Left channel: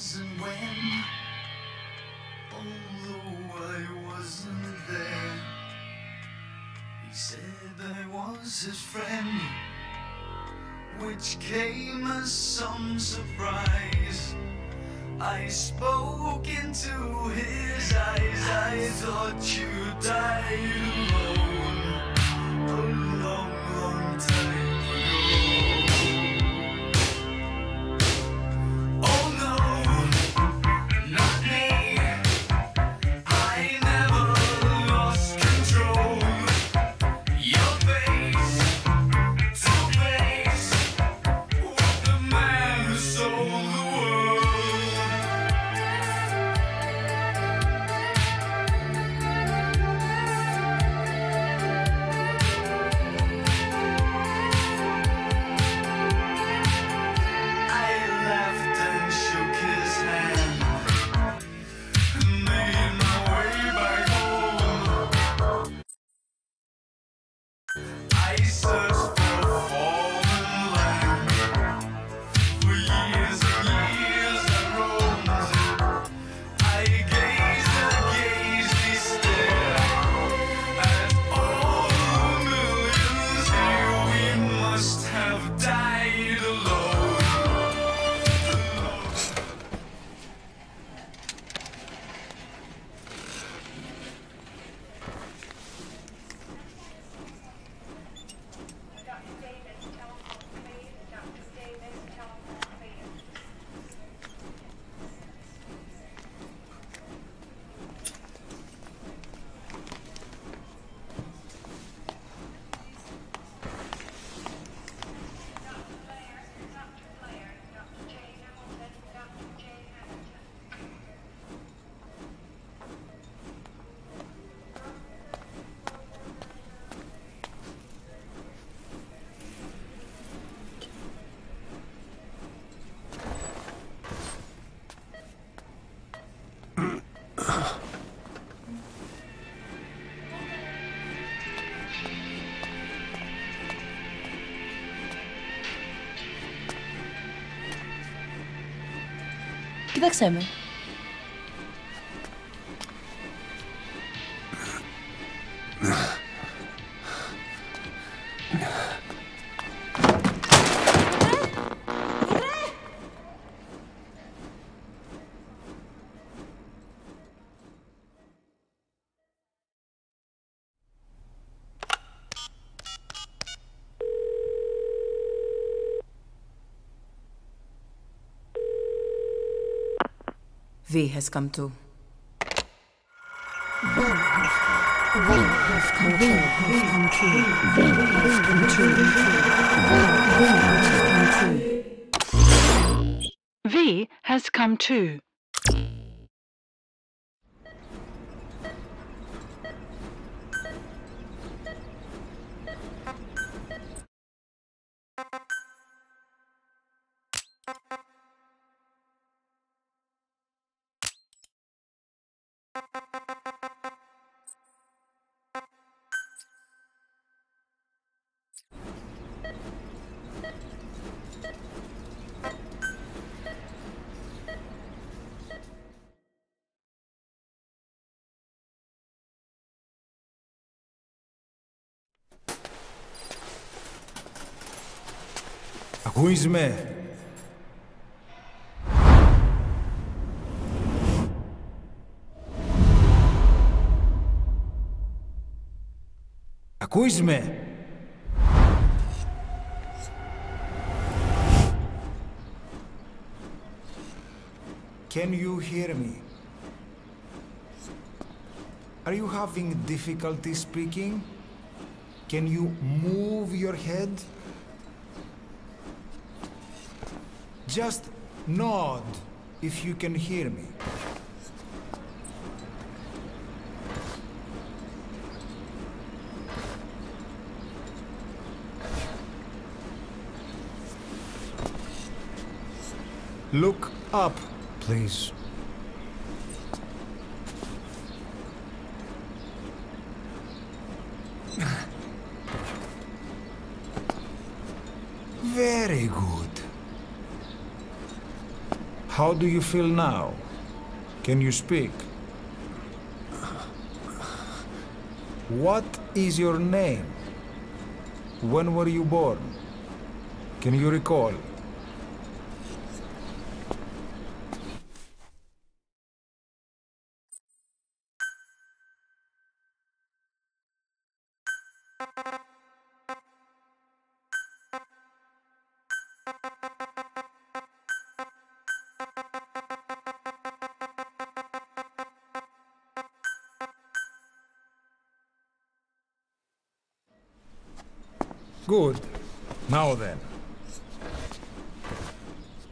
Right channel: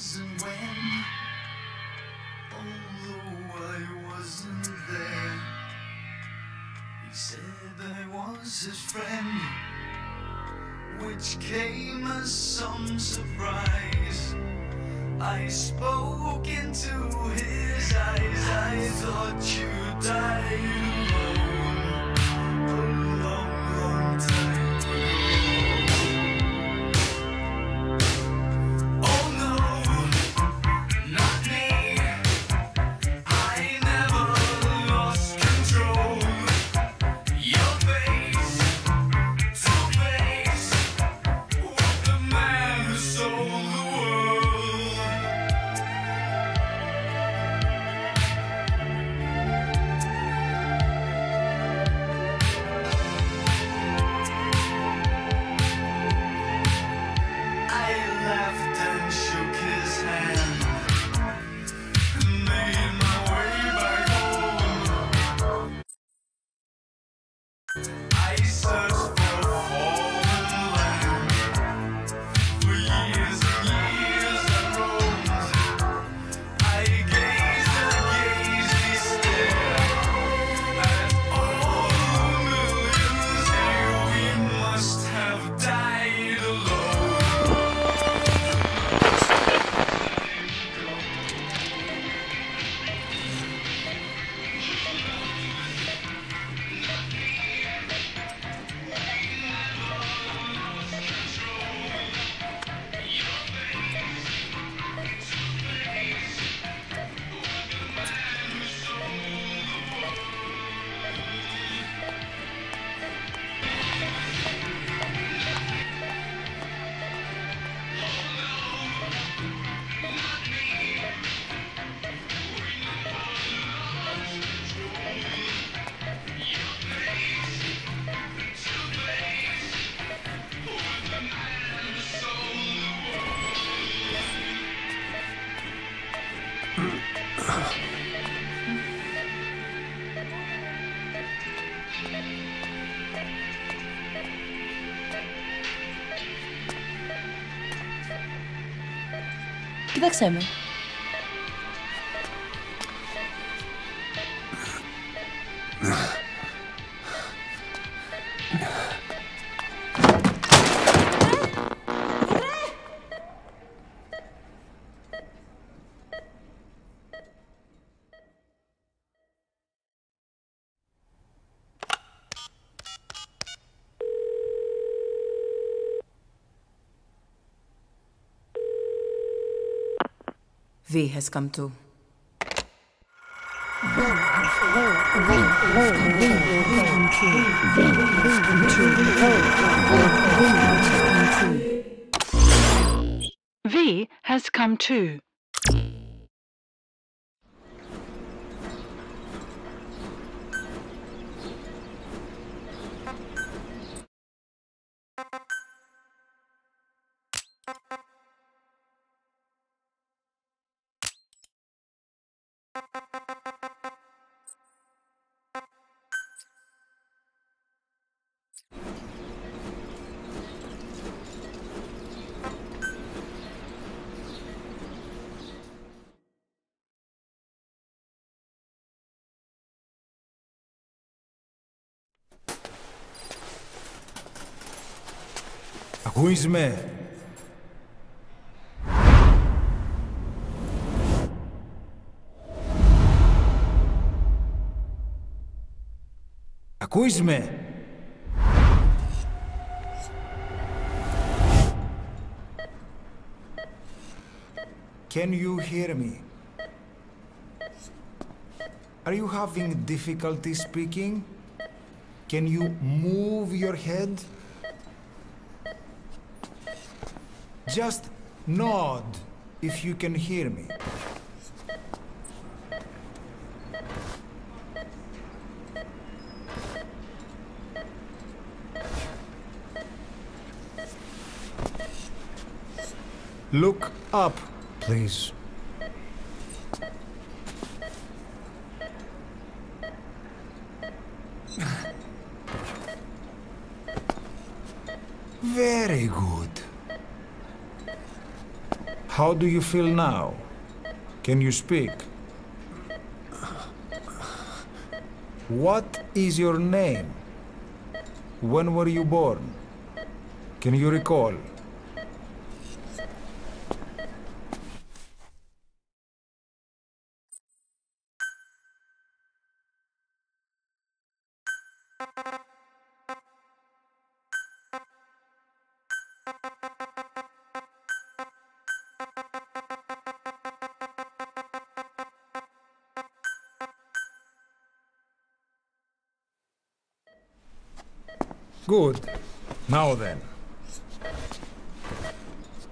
wasn't when, although I wasn't there. He said I was his friend, which came as some surprise. I spoke into his eyes. I thought you died alone a long, long time ago. Oh no, not me. I never lost control. Your face to face with the man who sold the world. Κοίταξέ με. V has come to. V has come too. Ακούεις με? Ακούεις με? Can you hear me? Are you having difficulty speaking? Can you move your head? Just nod if you can hear me. Look up, please. Very good. How do you feel now? Can you speak? What is your name? When were you born? Can you recall? Good. Now then.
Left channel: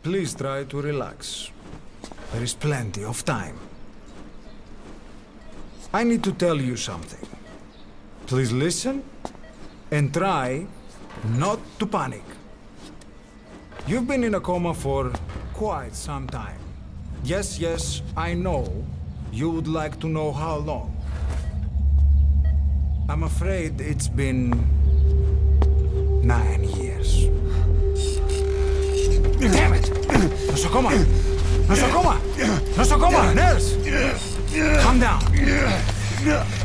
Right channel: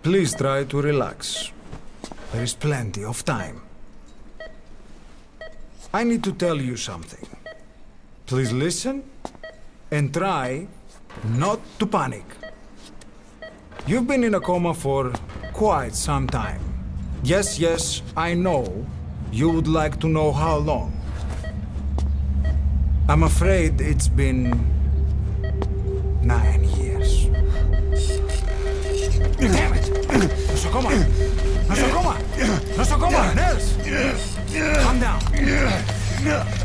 Please try to relax. There is plenty of time. I need to tell you something. Please listen and try not to panic. You've been in a coma for quite some time. Yes, I know you would like to know how long. I'm afraid it's been 9 years. Damn it! Nosocoma! Nosocoma! Nosocoma! Nurse! Calm down.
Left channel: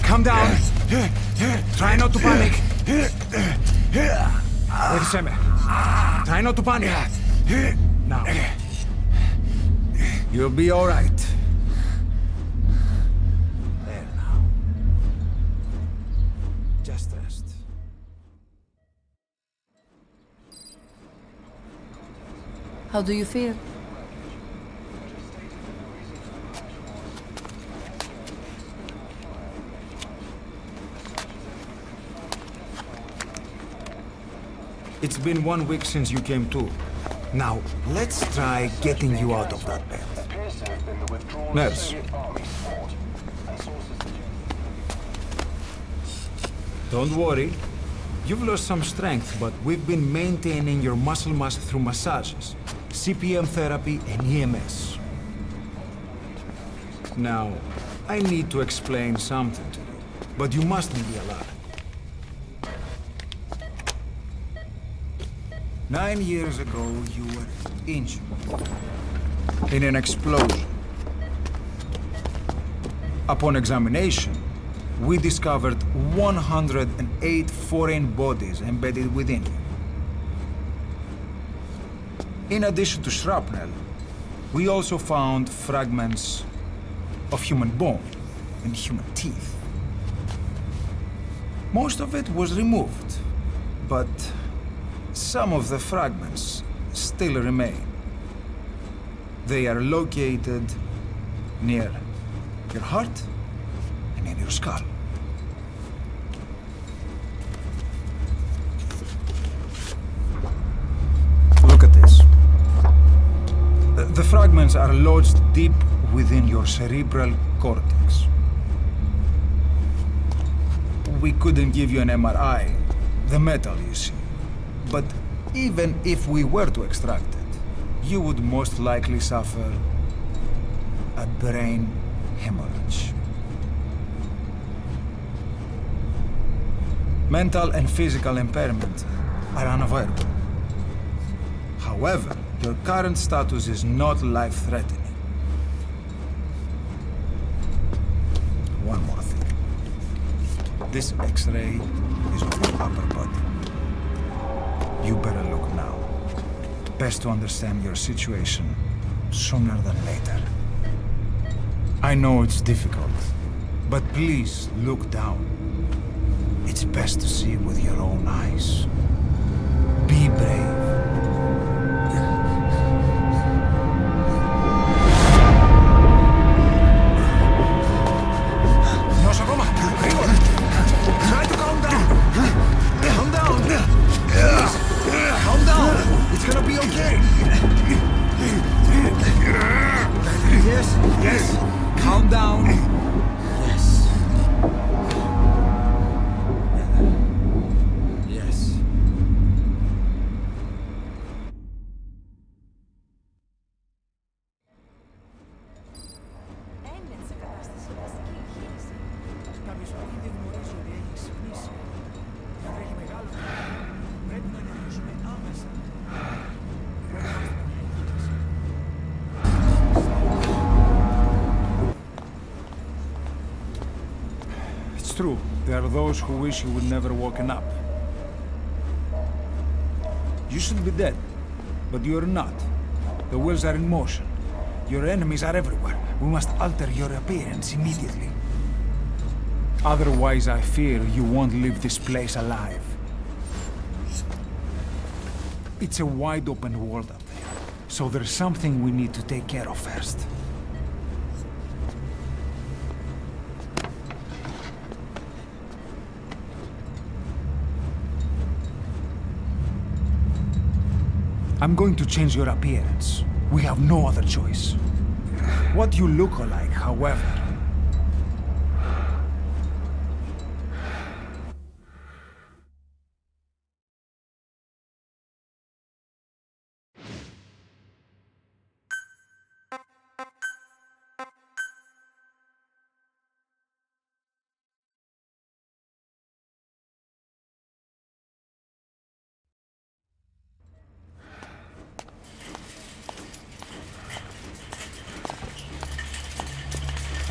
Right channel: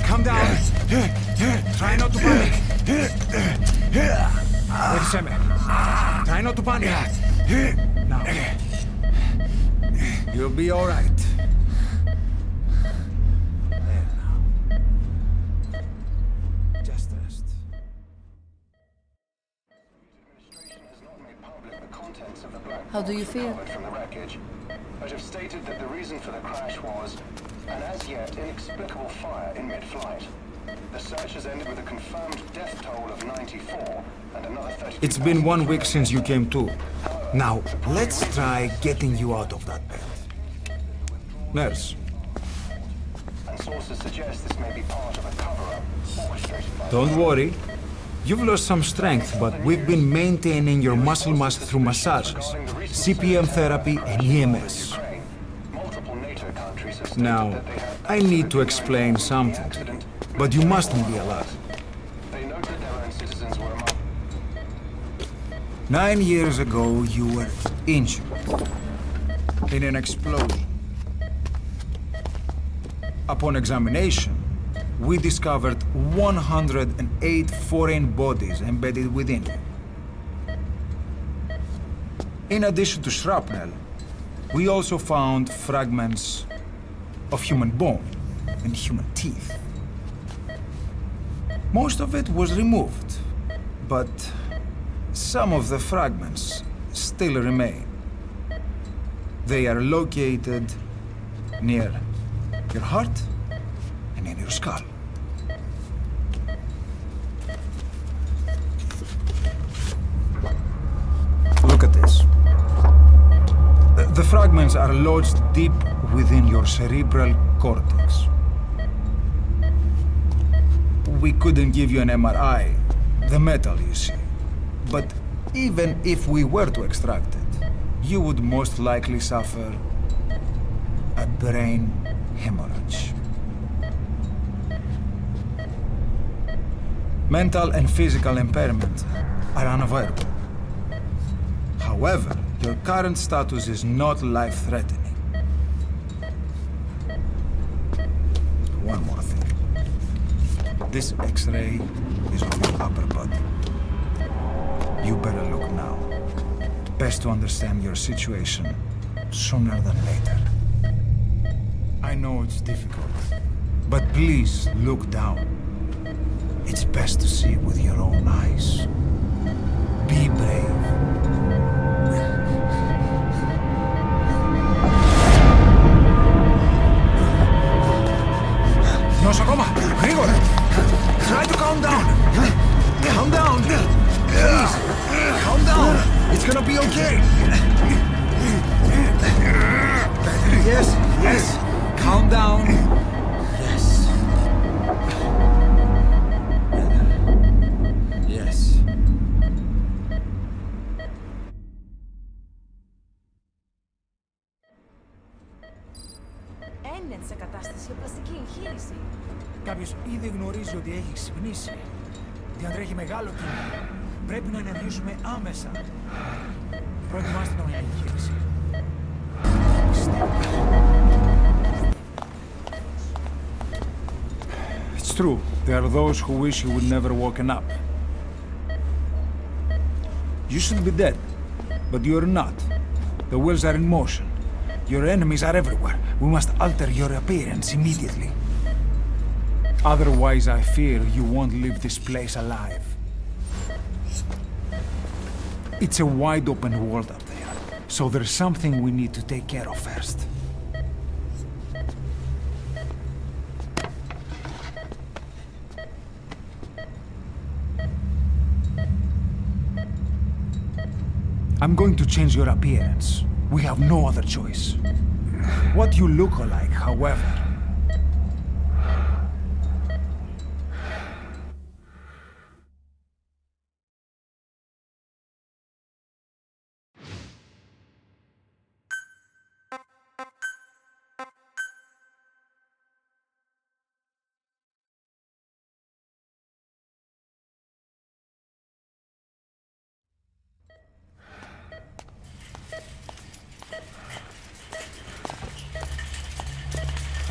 Calm down. Try not to panic. Βοήθησέ με. Try not to panic. Now. You'll be all right. There now. Just rest. How do you feel? From the wreckage, but have stated that the reason for the crash was an as yet inexplicable fire in mid-flight. The search has ended with a confirmed death toll of 94 and another 30. It's been 1 week since you came to. Now, let's try getting you out of that bed. Appears to have been the withdrawal Nurse. Soviet Army fought, and sources suggest this may be part of a cover-up. Don't worry. You've lost some strength, but we've been maintaining your muscle mass through massages, CPM therapy, and EMS. Multiple NATO countries have Now, I need to explain something to you, but you mustn't be alarmed. they noted their own citizens were among 9 years ago, you were injured in an explosion. Upon examination, we discovered 108 foreign bodies embedded within you. In addition to shrapnel, we also found fragments of human bone and human teeth. Most of it was removed, but some of the fragments still remain. They are located near your heart and in your skull. Look at this. The fragments are lodged deep within your cerebral cortex. We couldn't give you an MRI, the metal, you see. But even if we were to extract it, you would most likely suffer a brain hemorrhage. Mental and physical impairment are unavoidable. However, your current status is not life-threatening. One more thing. This X-ray is of your upper body. You better look now. Best to understand your situation sooner than later. I know it's difficult, but please look down. It's best to see with your own eyes. Be brave. Νοσοκόμα, γρήγορα! Try to calm down! Calm down! Please! Calm down! It's gonna be okay! Yes! Calm down! Yes! Yes. Είναι σε κατάσταση οπαστική εγχείρηση. Κάποιος ήδη γνωρίζει ότι έχει ξυπνήσει. Διατρέχει μεγάλο κίνδυνο. Πρέπει να ενεργήσουμε άμεσα. Προετοιμάστε τον για εγχείρηση. It's true. There are those who wish you would never woken up. You should be dead, but you're not. The wheels are in motion. Your enemies are everywhere. We must alter your appearance immediately. Otherwise, I fear you won't leave this place alive. It's a wide open world up there, so there's something we need to take care of first. I'm going to change your appearance. We have no other choice. What you look like, however...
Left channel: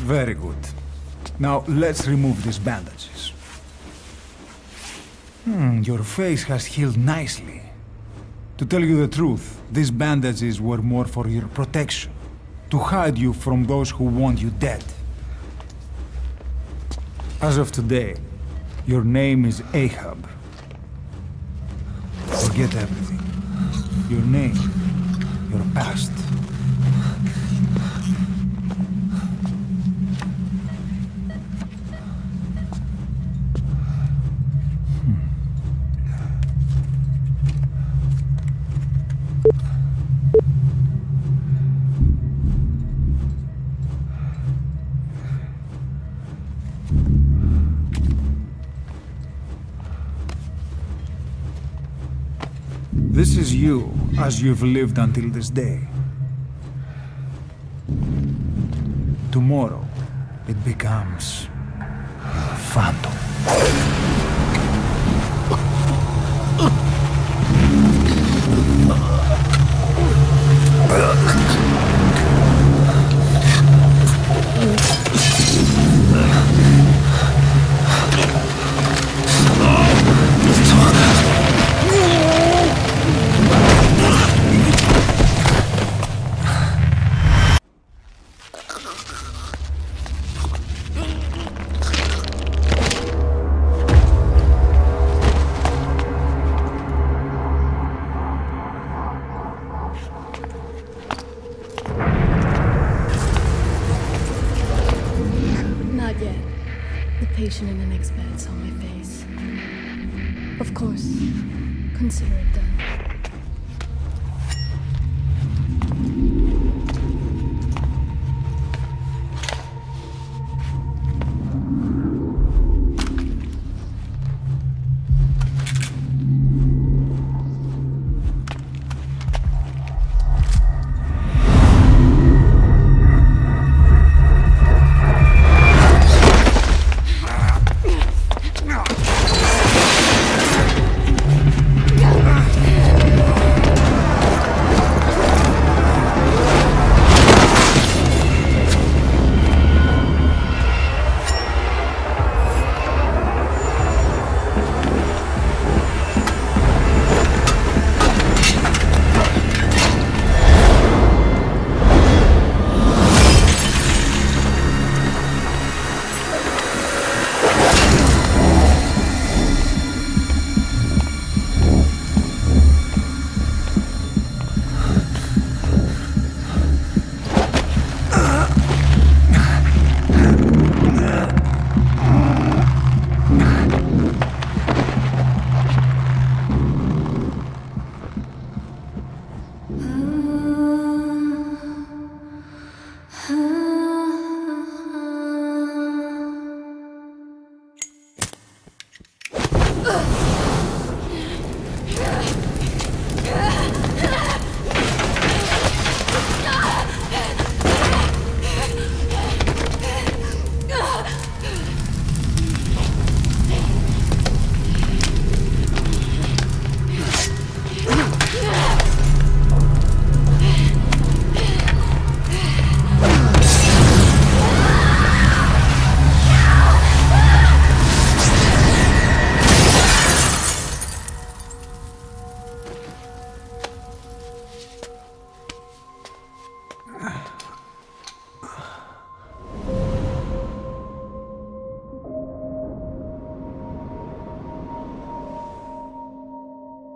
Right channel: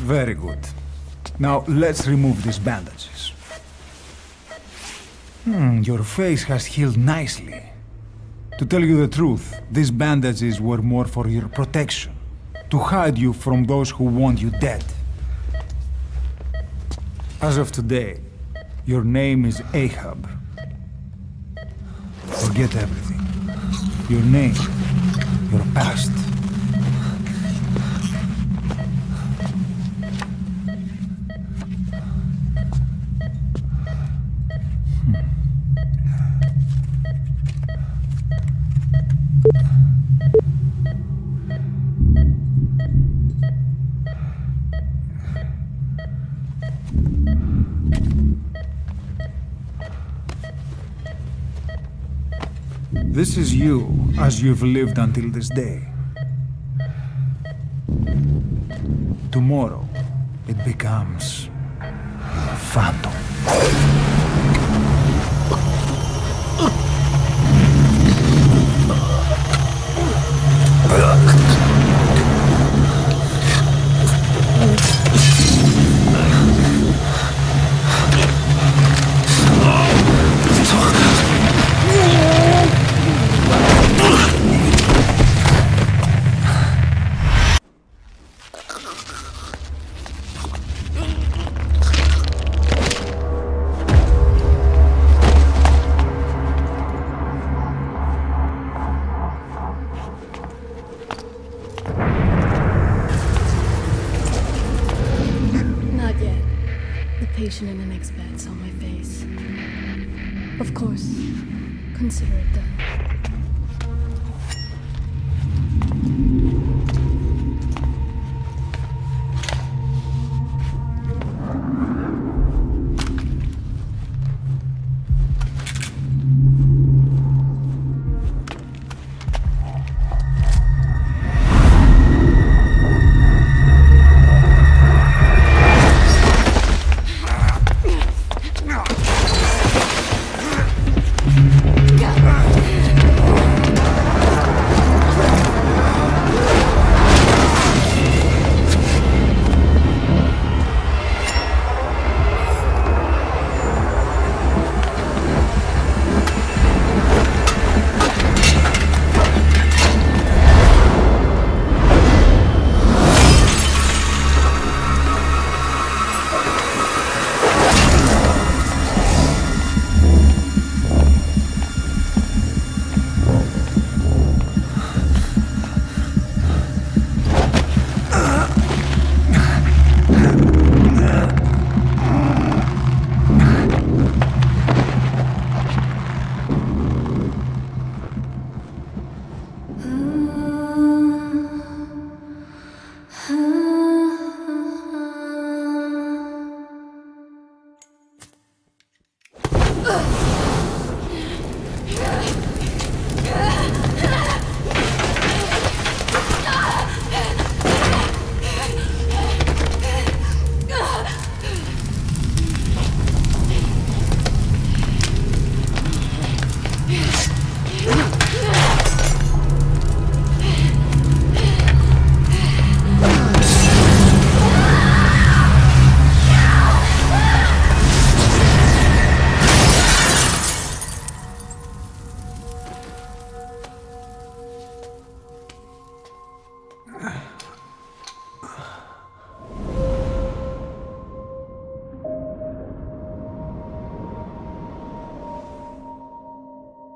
Very good. Now, let's remove these bandages. Your face has healed nicely. To tell you the truth, these bandages were more for your protection, to hide you from those who want you dead. As of today, your name is Ahab. Forget everything. Your name, your past. This is you, as you've lived until this day. Tomorrow, it becomes a phantom. Not yet. The patient in the next bed saw my face. Of course, consider it done.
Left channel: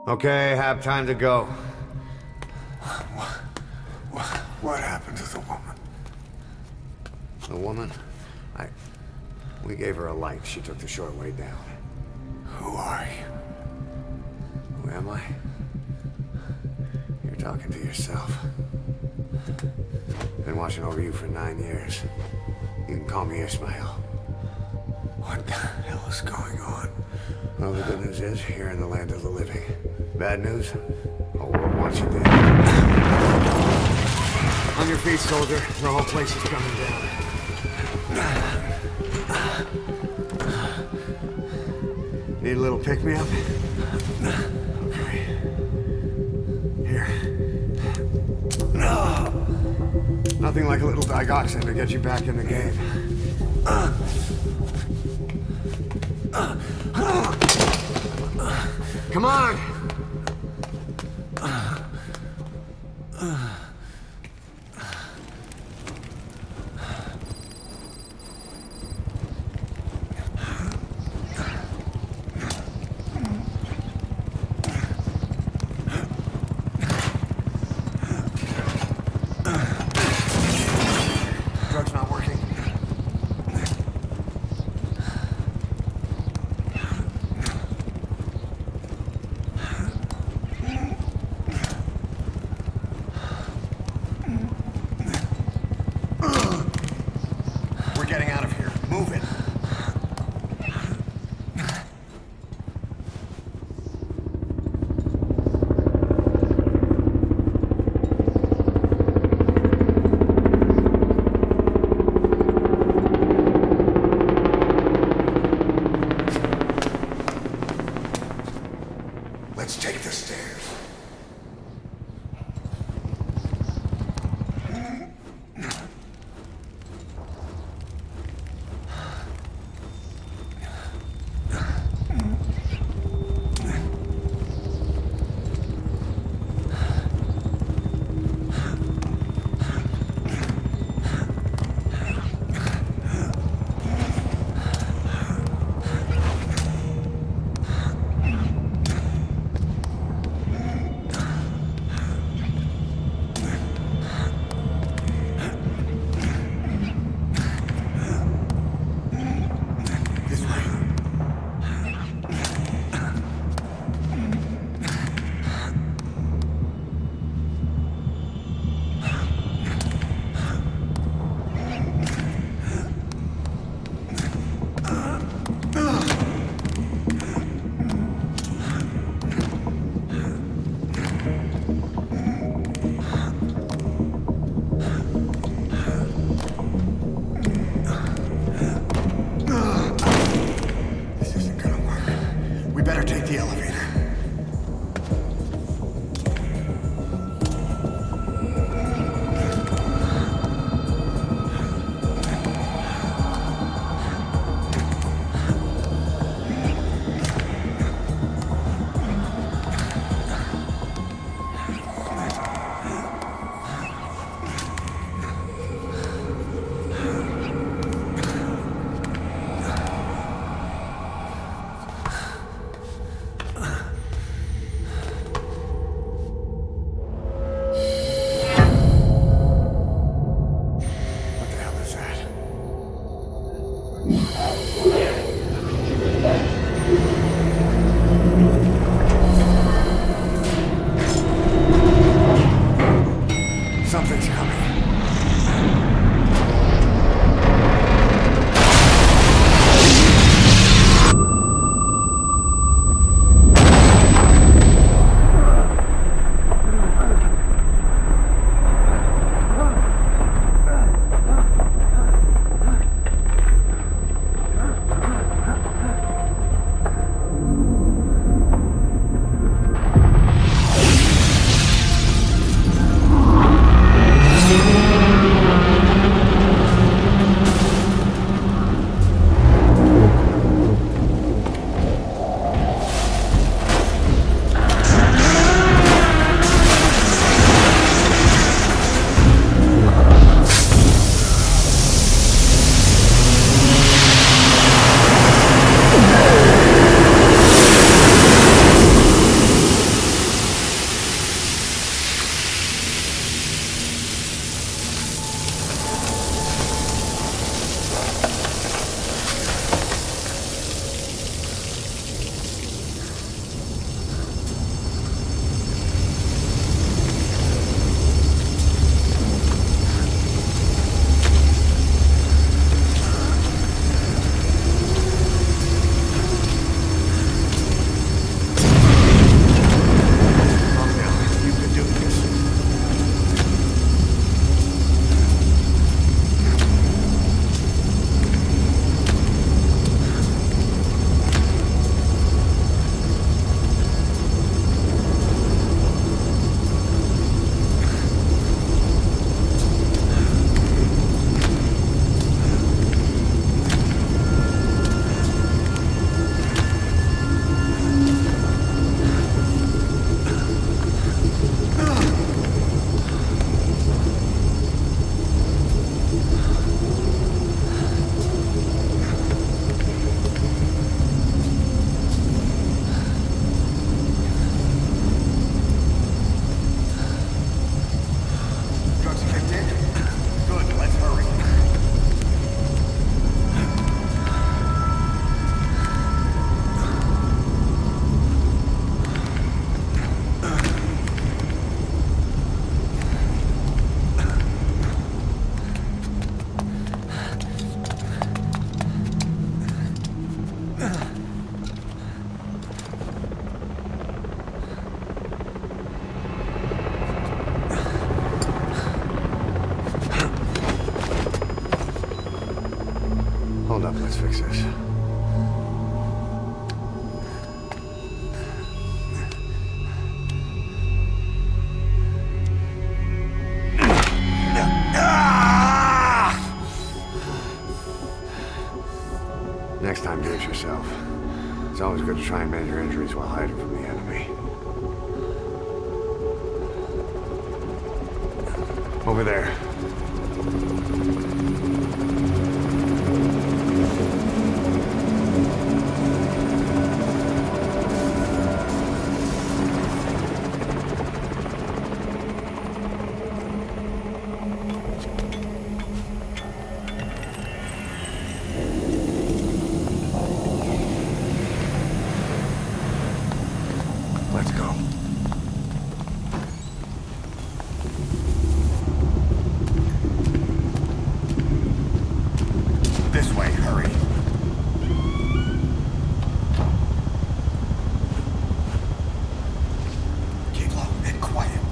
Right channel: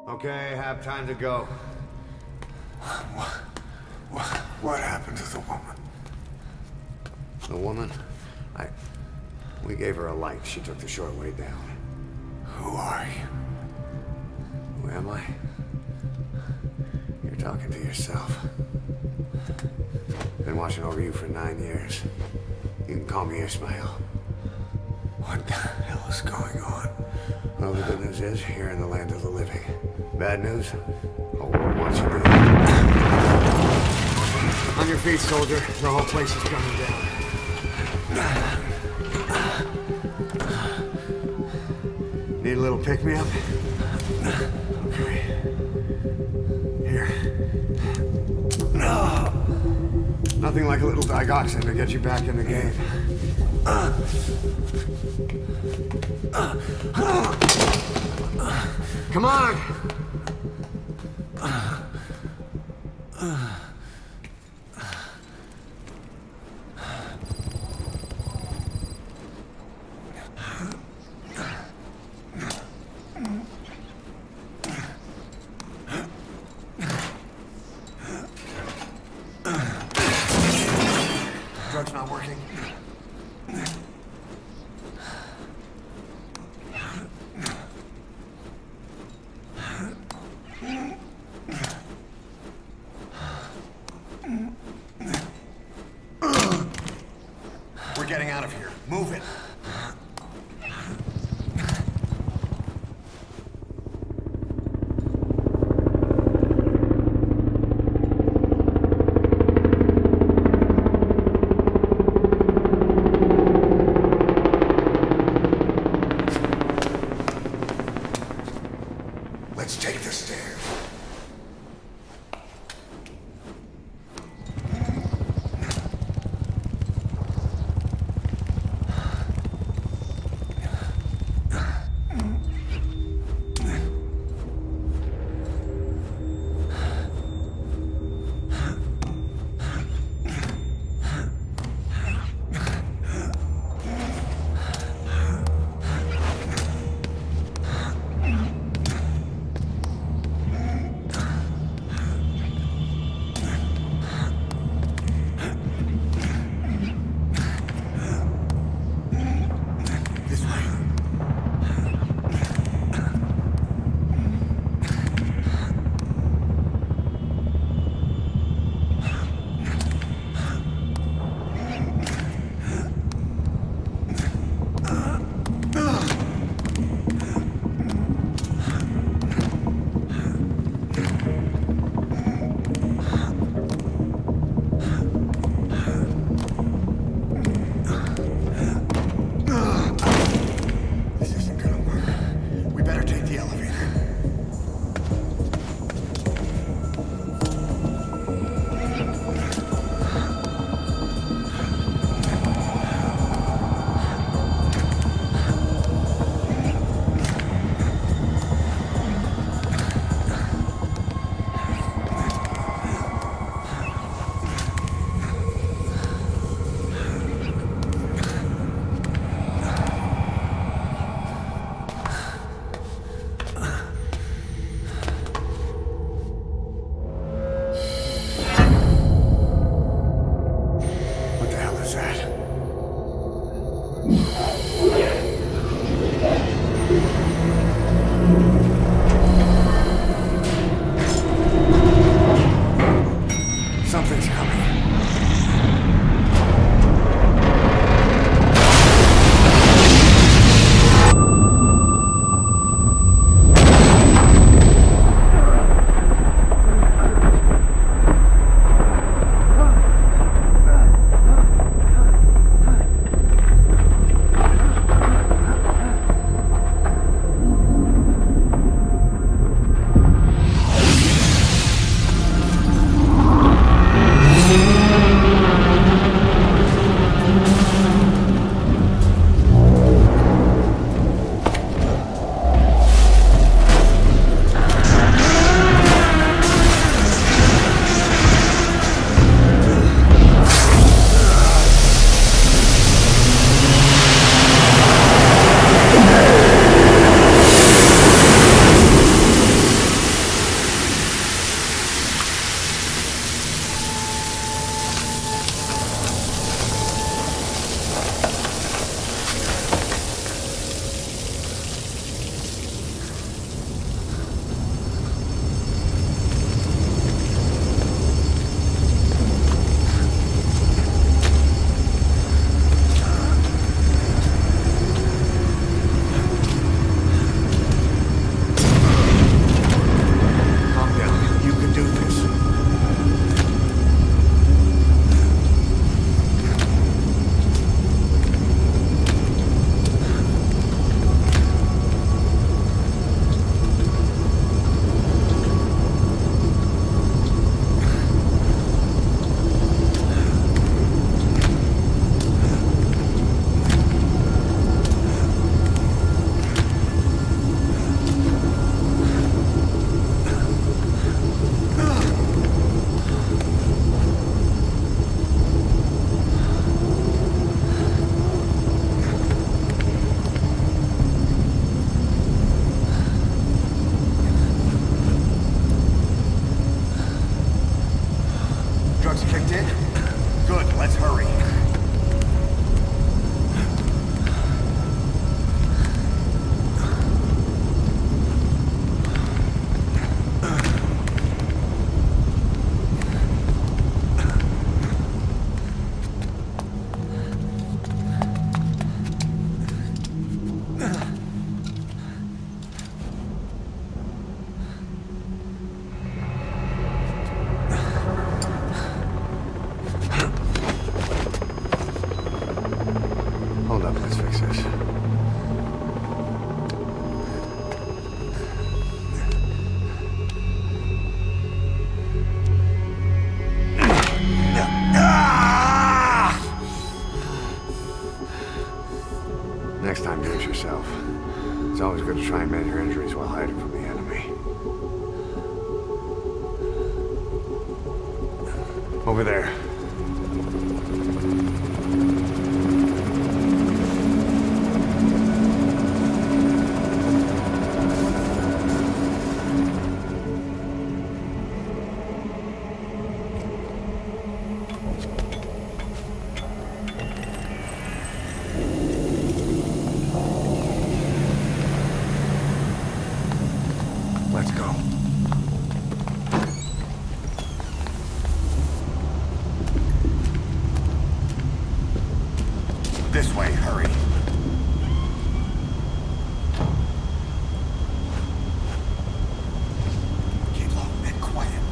Okay, have time to go. What happened to the woman? The woman? We gave her a light. She took the short way down. Who are you? Who am I? You're talking to yourself. Been watching over you for 9 years. You can call me Ismail. What the hell is going on? Well, the good news is, you're in the land of the living. Bad news? Whole world wants you dead. On your feet, soldier. The whole place is coming down. Need a little pick-me-up? Okay. Here. Nothing like a little digoxin to get you back in the game. Come on! Drug's not working. We're getting out of here. Move it. Let's take the stairs. time, do it yourself. It's always good to try and mend your injuries while hiding from the enemy. Over there. Let's go. This way, hurry. Keep low and quiet.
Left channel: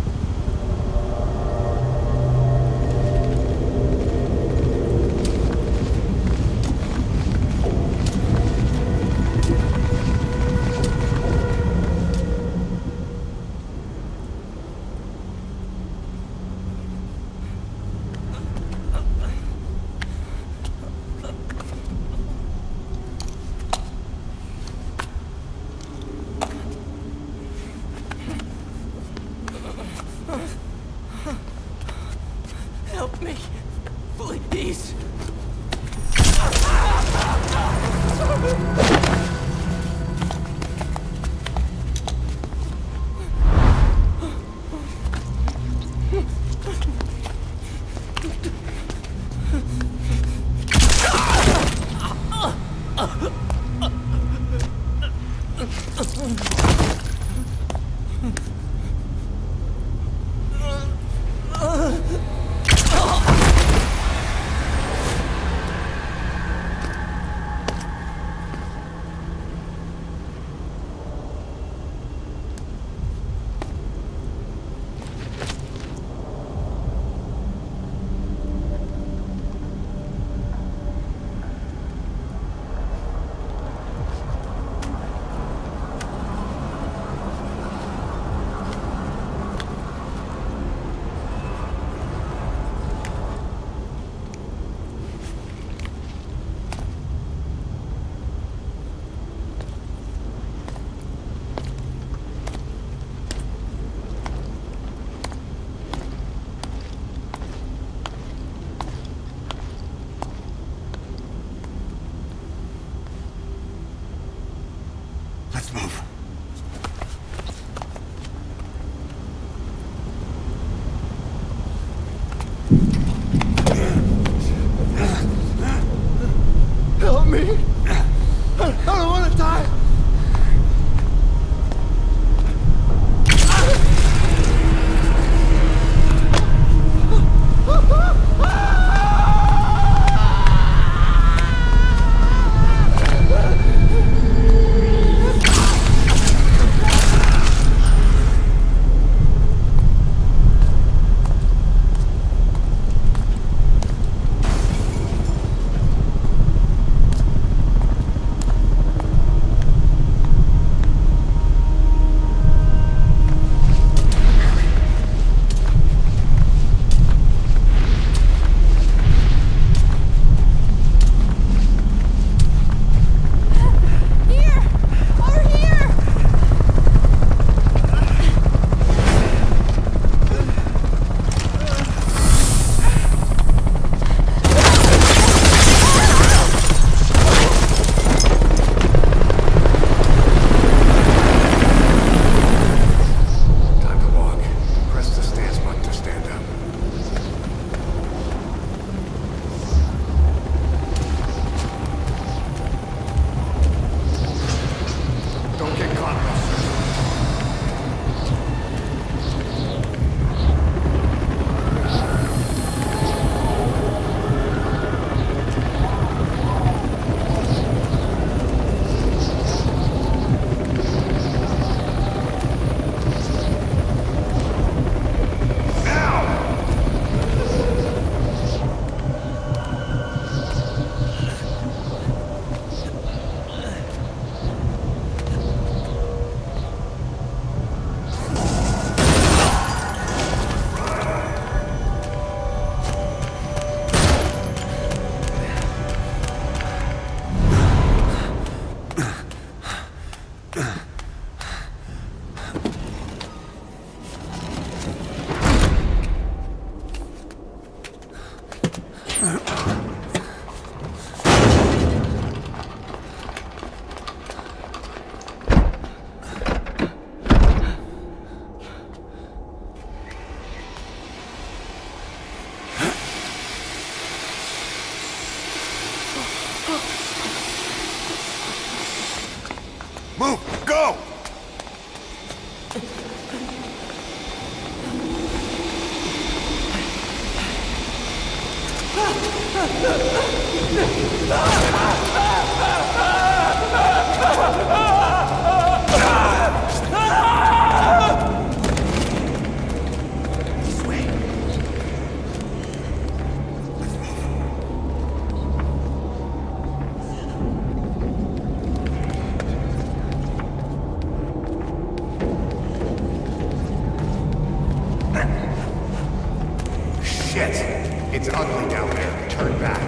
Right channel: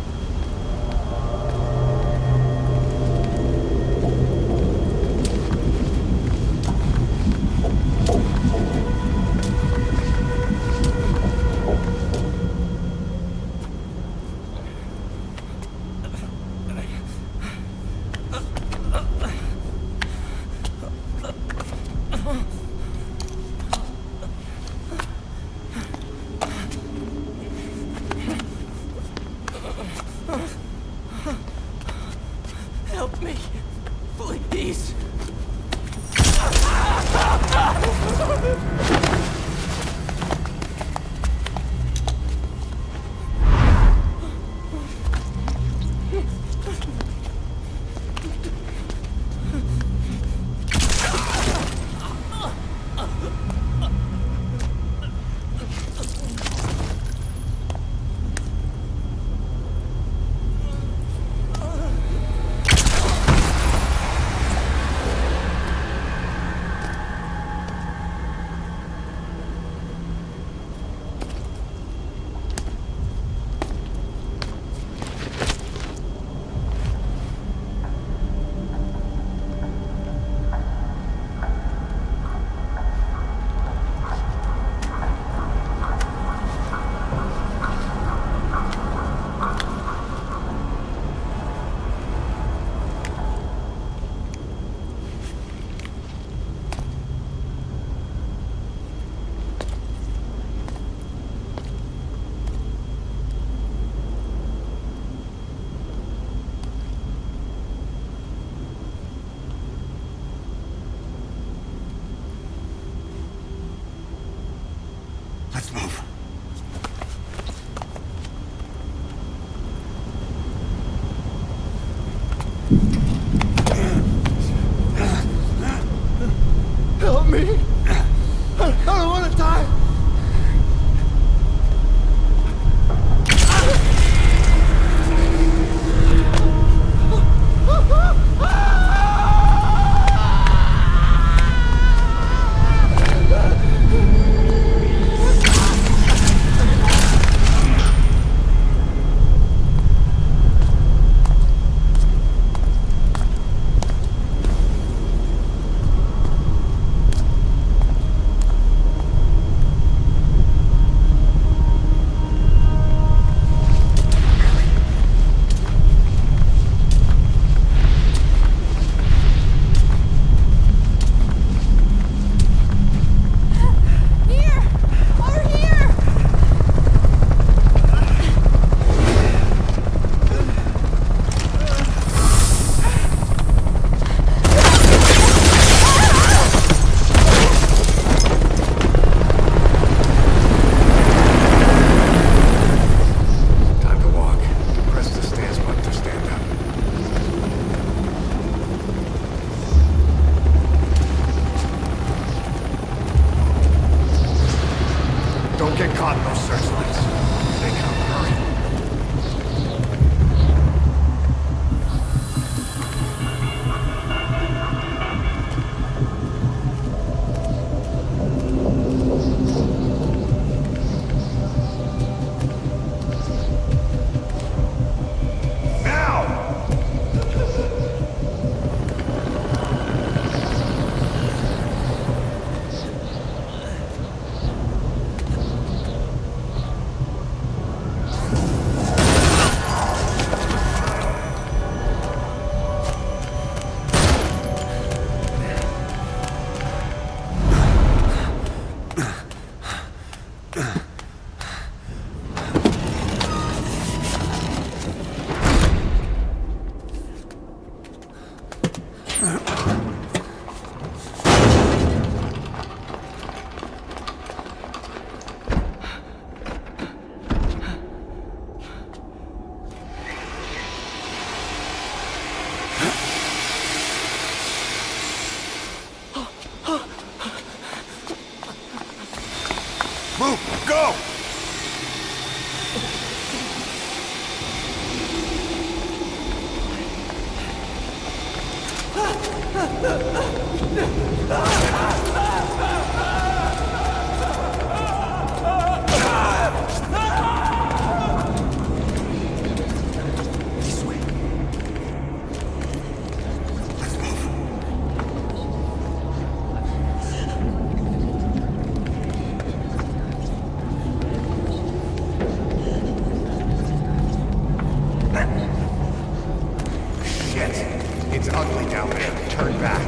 It's ugly down there. Turn back.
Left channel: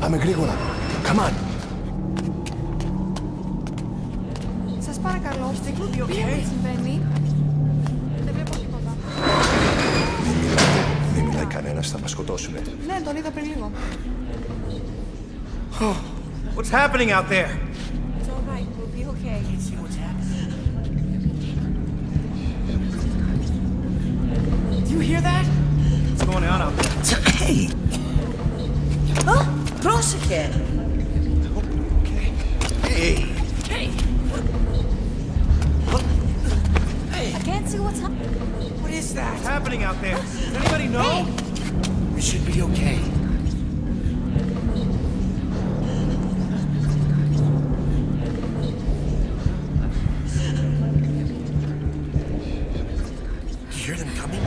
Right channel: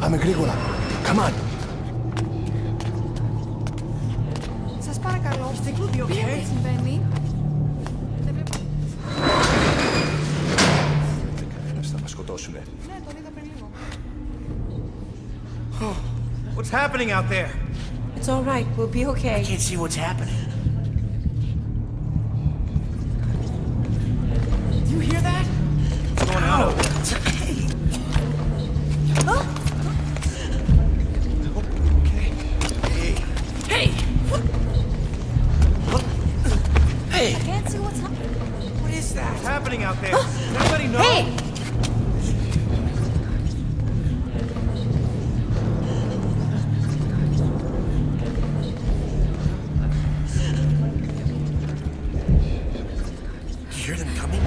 Πάμε γρήγορα. Come on. Σας παρακαλώ. Τι συμβαίνει? Δεν βλέπω τίποτα. Δεν μιλάει κανένας, θα μας σκοτώσουνε. Ναι, τον είδα πριν λίγο. What's happening out there? It's all right. We'll be okay. I can't see what's happening. Do you hear that? What's going on out there? Hey! Oh, cross again. Okay. Hey! Hey! Hey! I can't see what's happening. What is that? What's happening out there? Does anybody know? Hey! It should be okay. You hear them coming?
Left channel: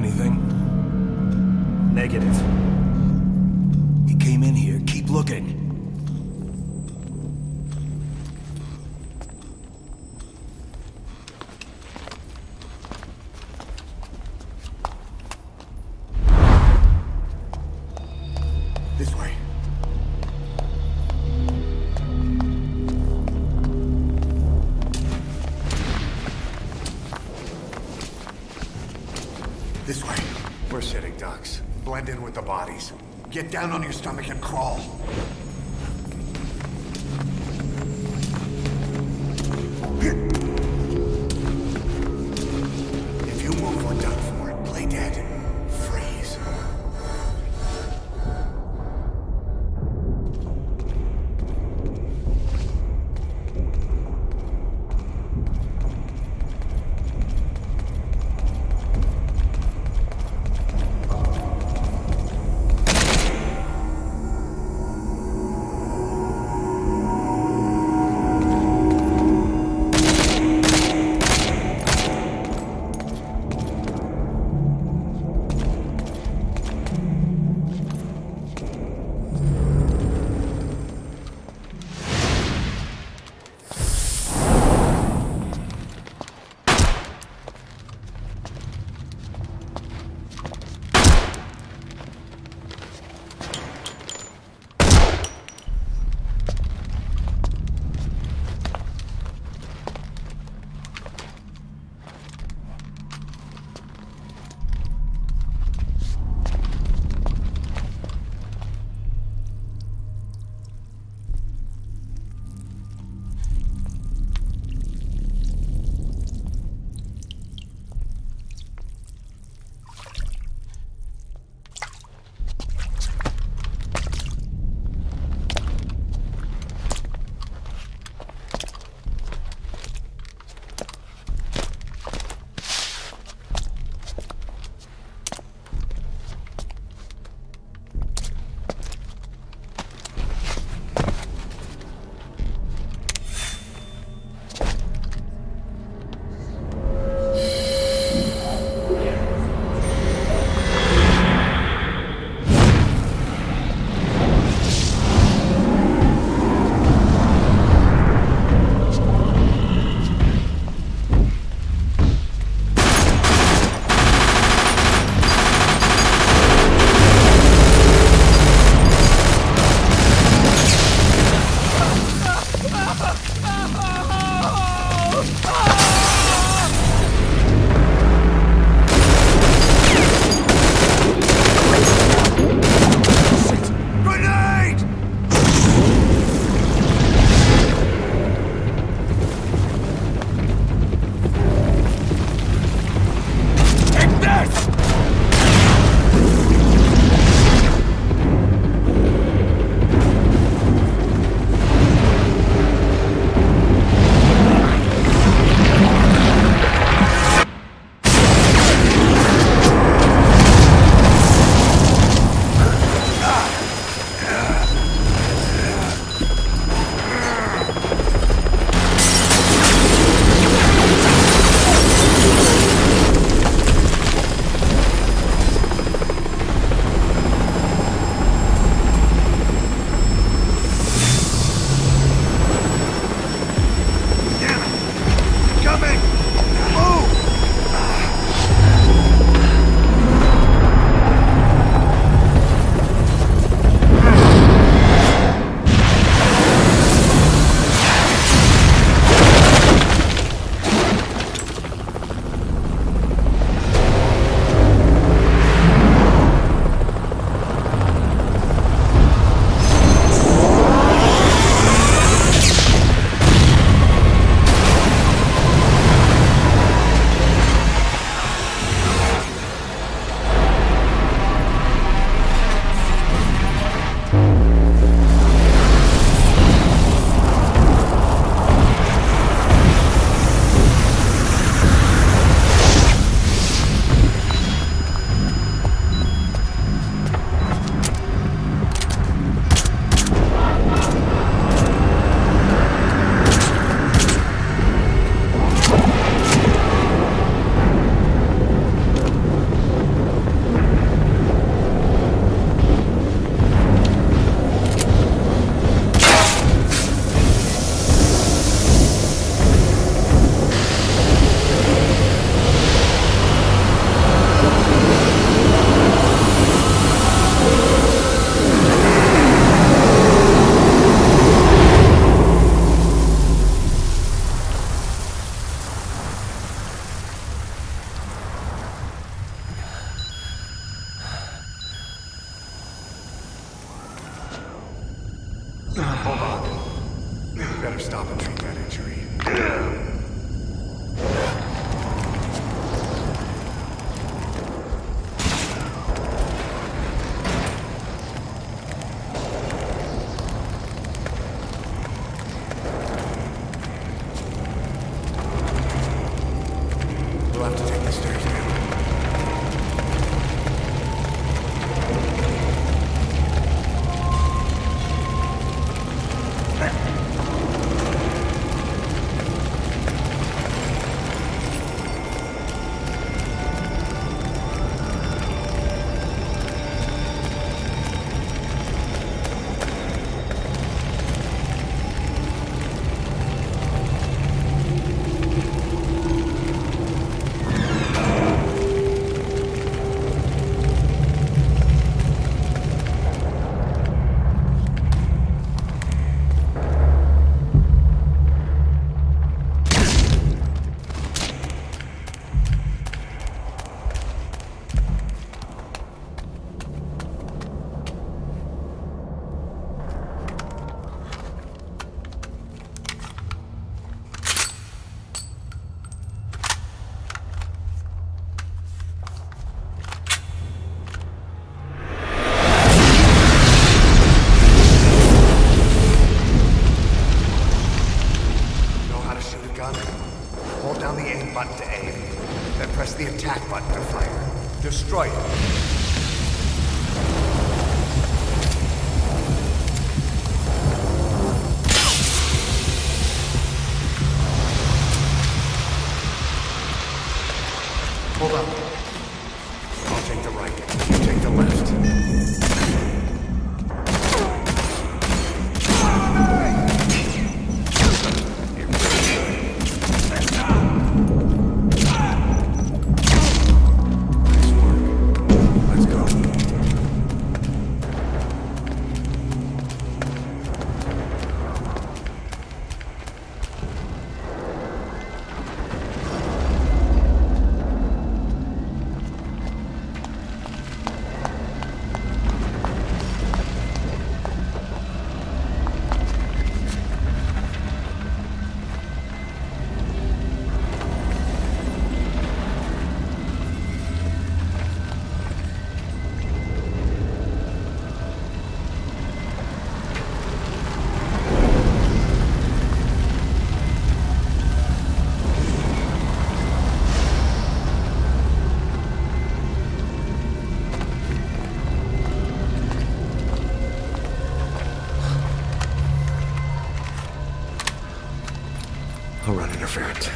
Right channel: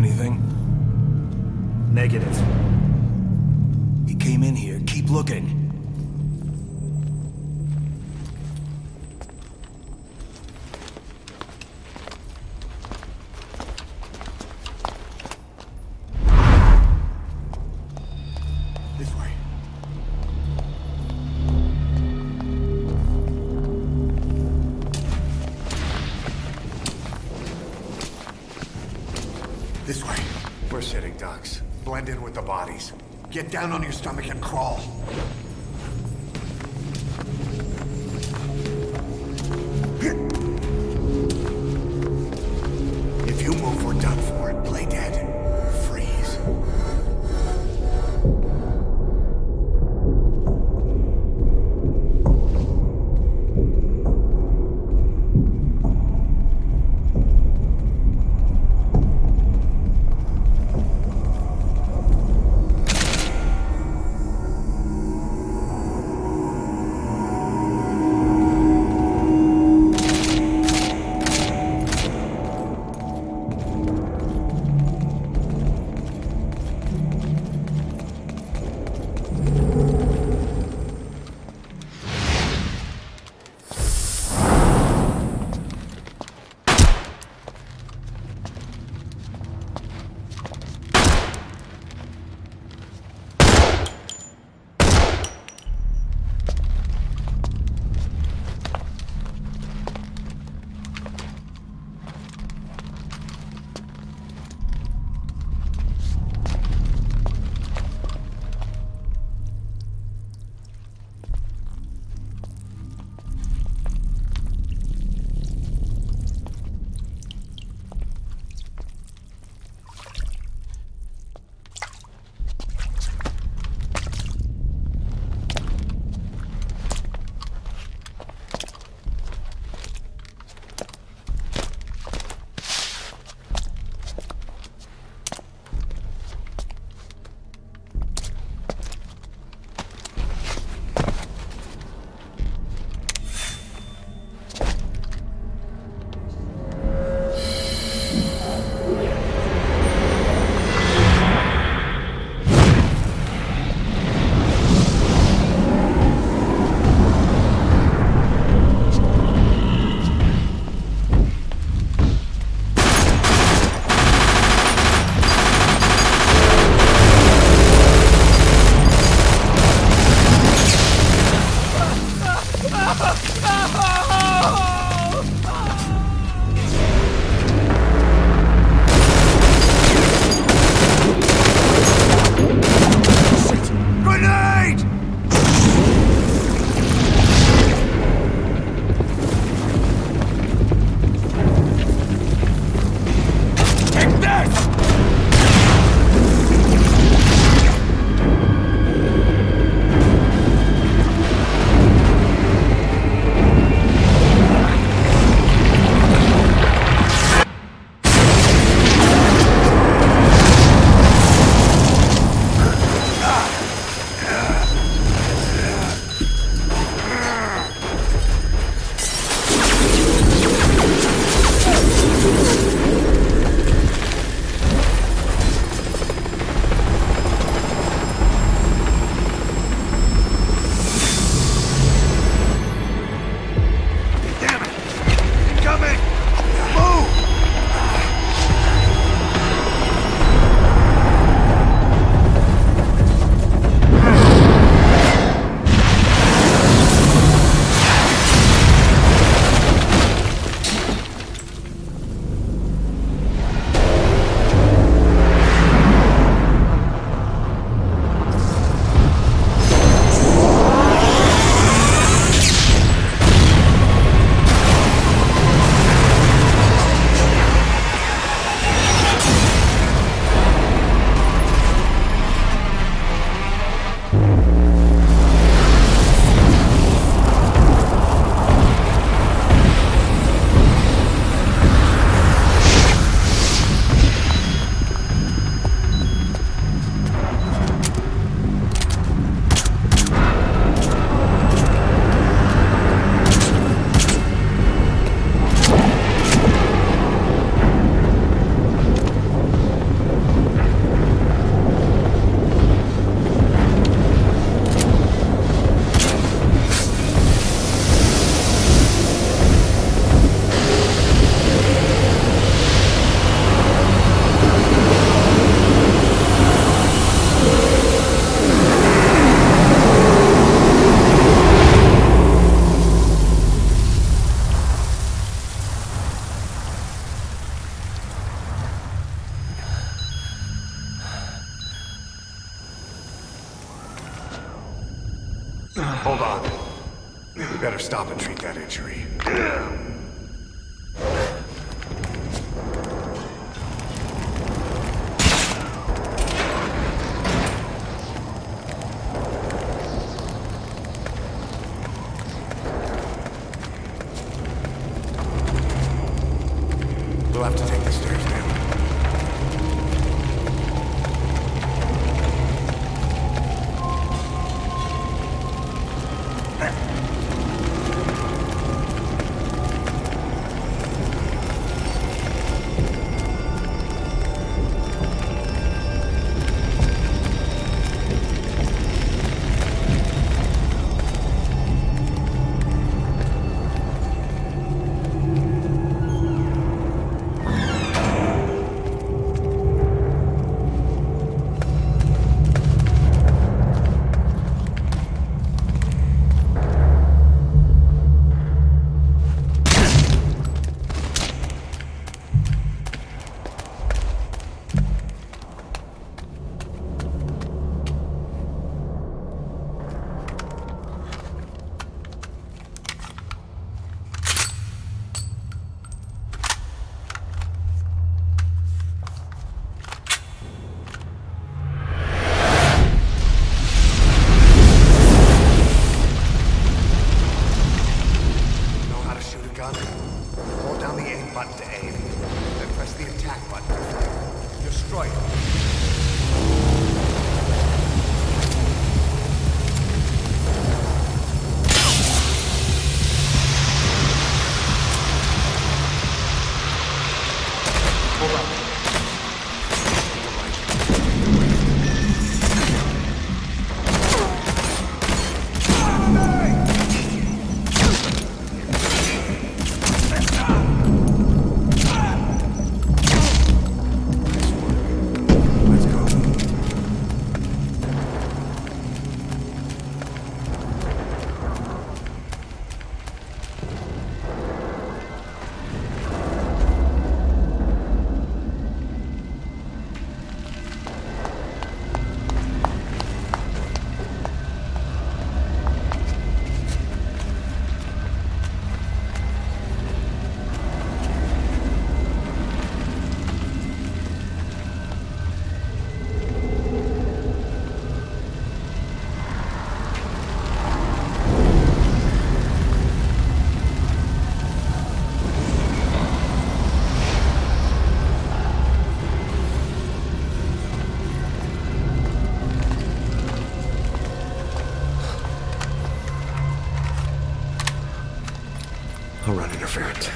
Anything? Negative. He came in here. Keep looking. This way. We're sitting ducks. Blend in with the bodies. Get down on your stomach and crawl. If you move, we're done for. Play dead. Freeze. Hold on. We better stop and treat that injury. We'll have to take the stairs down. Hold down the aim button to aim, then press the attack button to fire. Destroy it. Hold on. Take the right. Take the left. I'll run interference.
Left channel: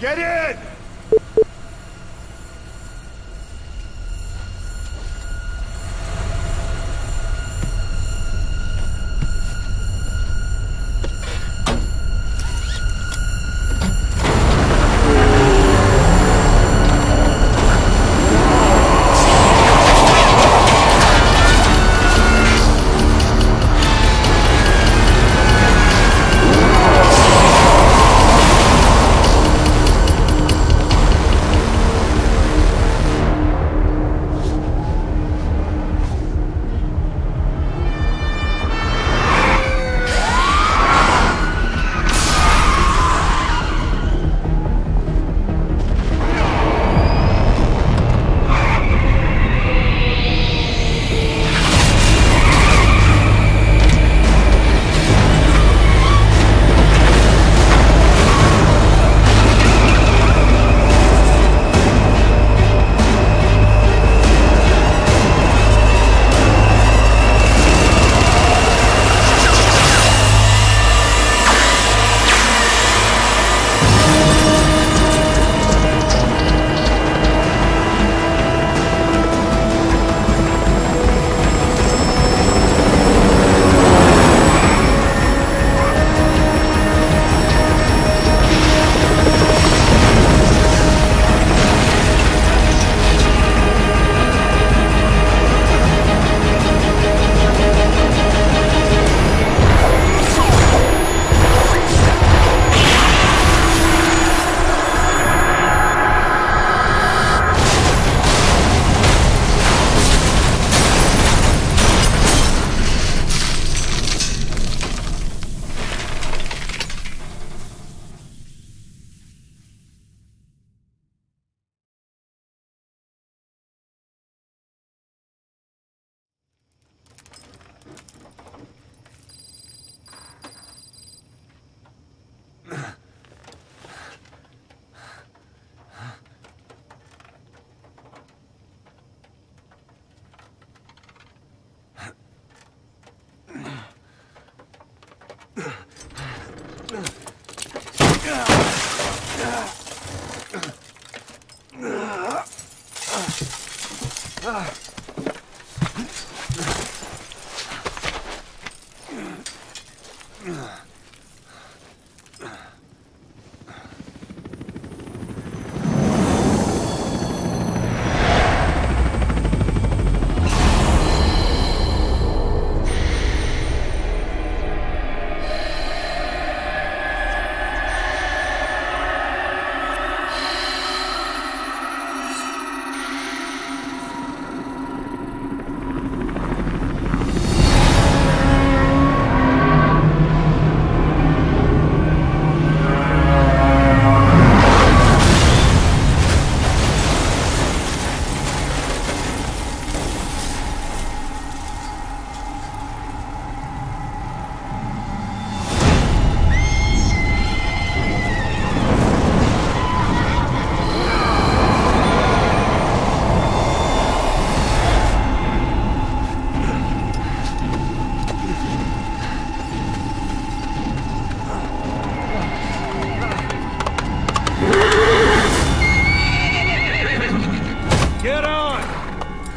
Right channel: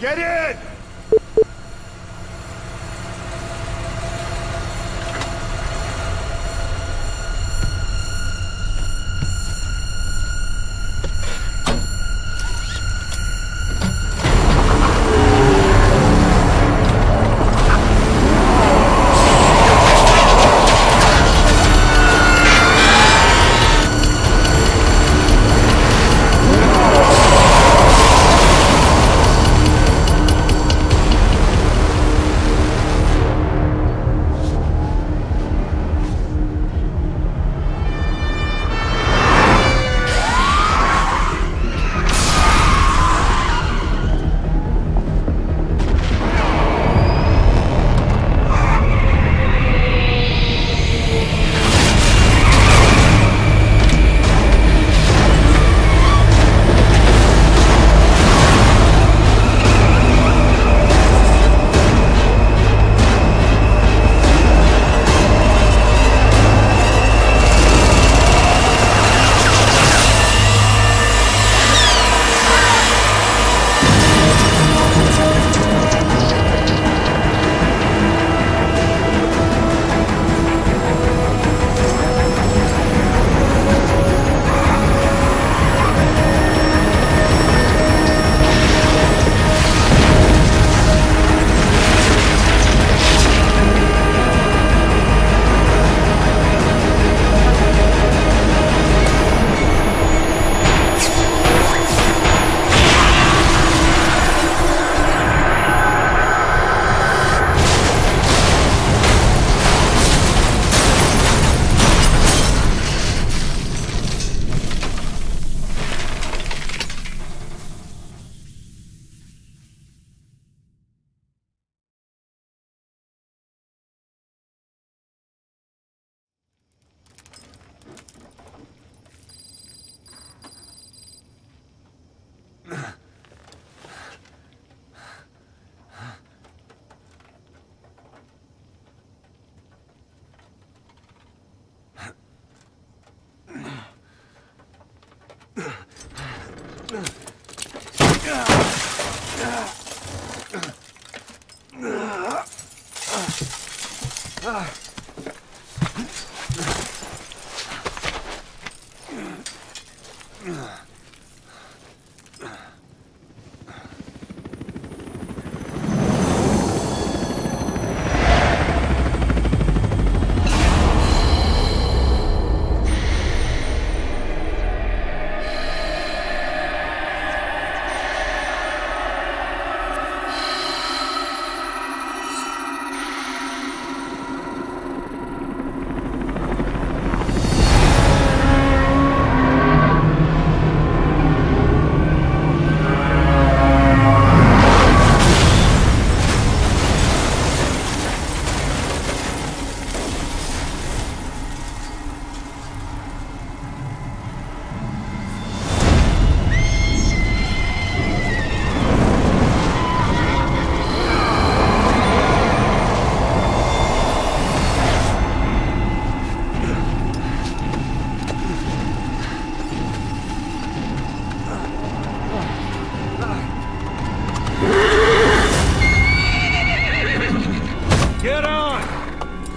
Get in!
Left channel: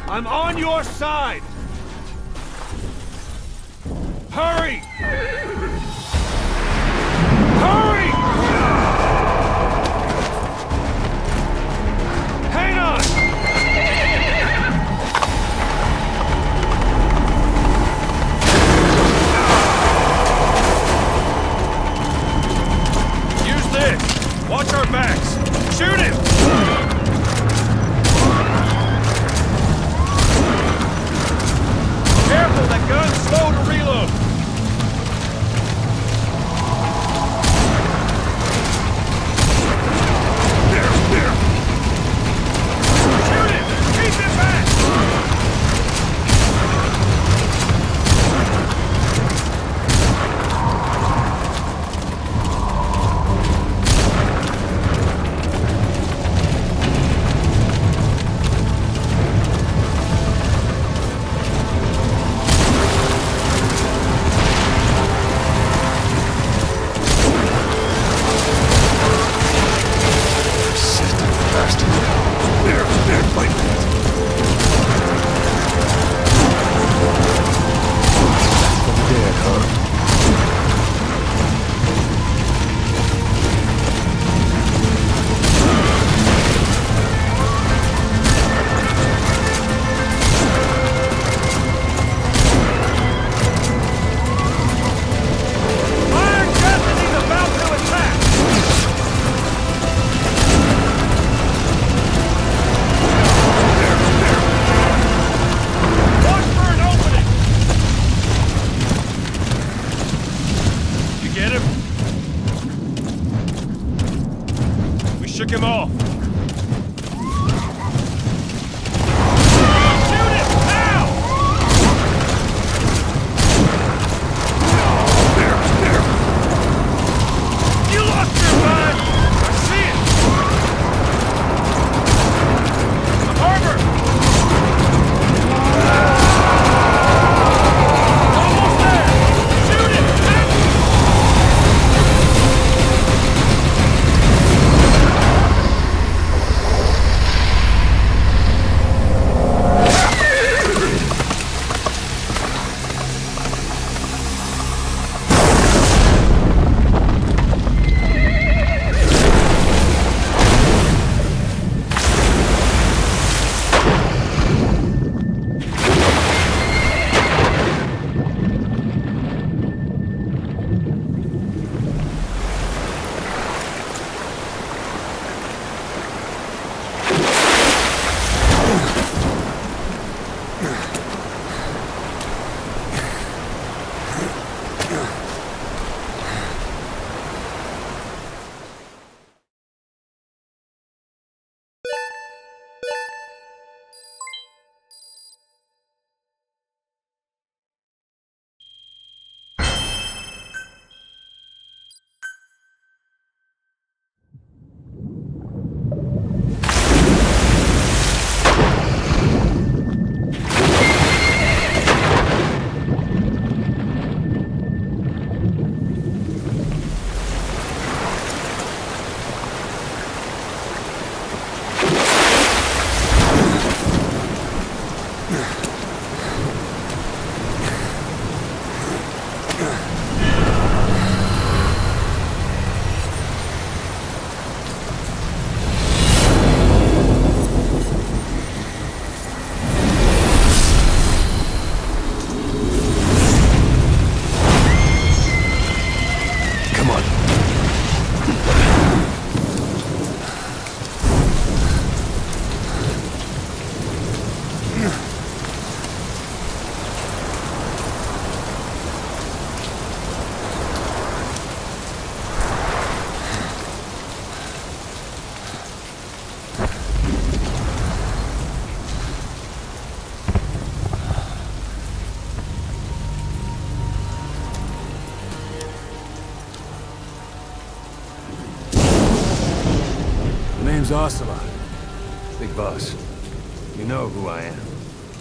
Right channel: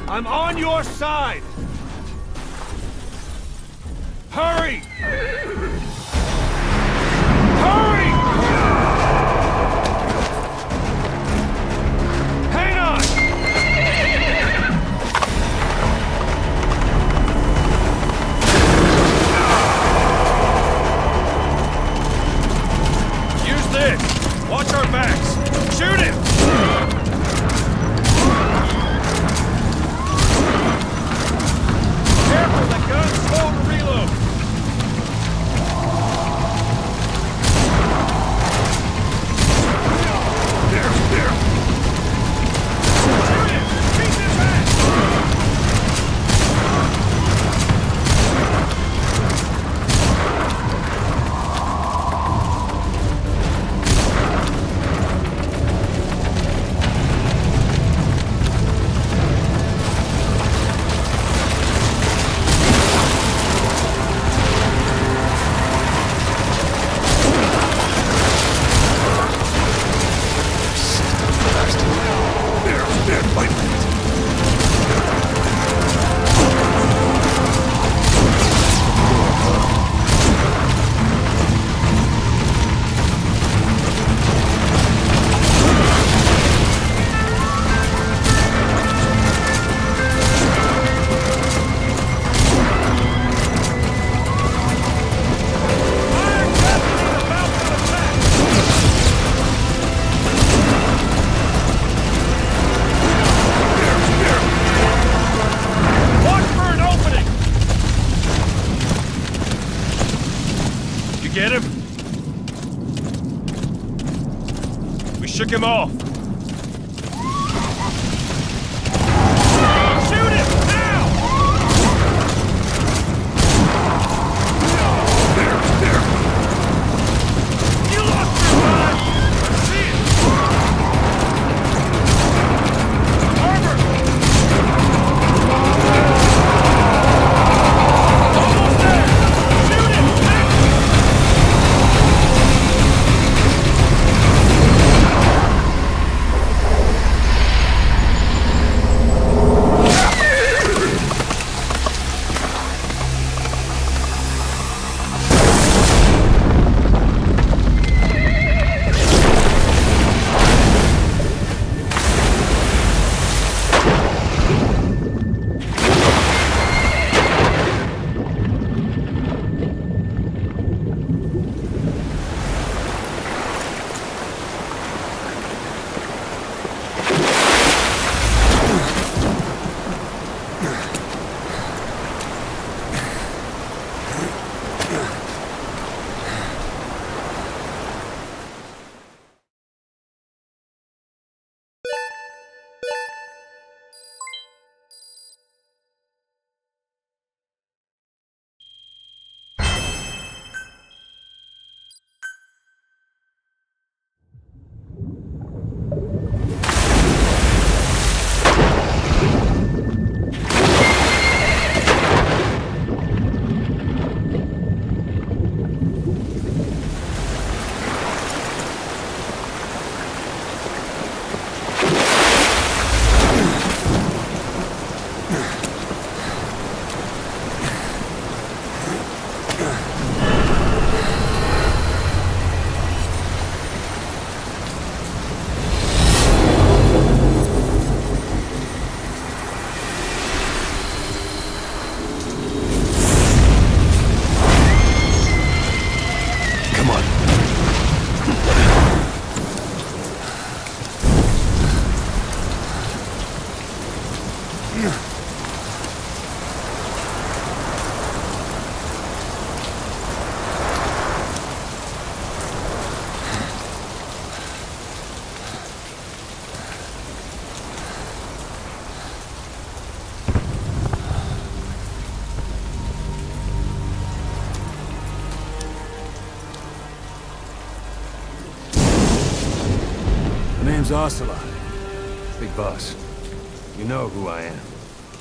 I'm on your side! Hurry! Hurry! Hang on! Use this! Watch our backs! Shoot him! Careful, that gun's slow to reload! shook him off. Shoot him! Now! There! You lost your mind! I see it! Harbor! Almost there! Shoot him! Name's Ocelot. Big boss. You know who I am.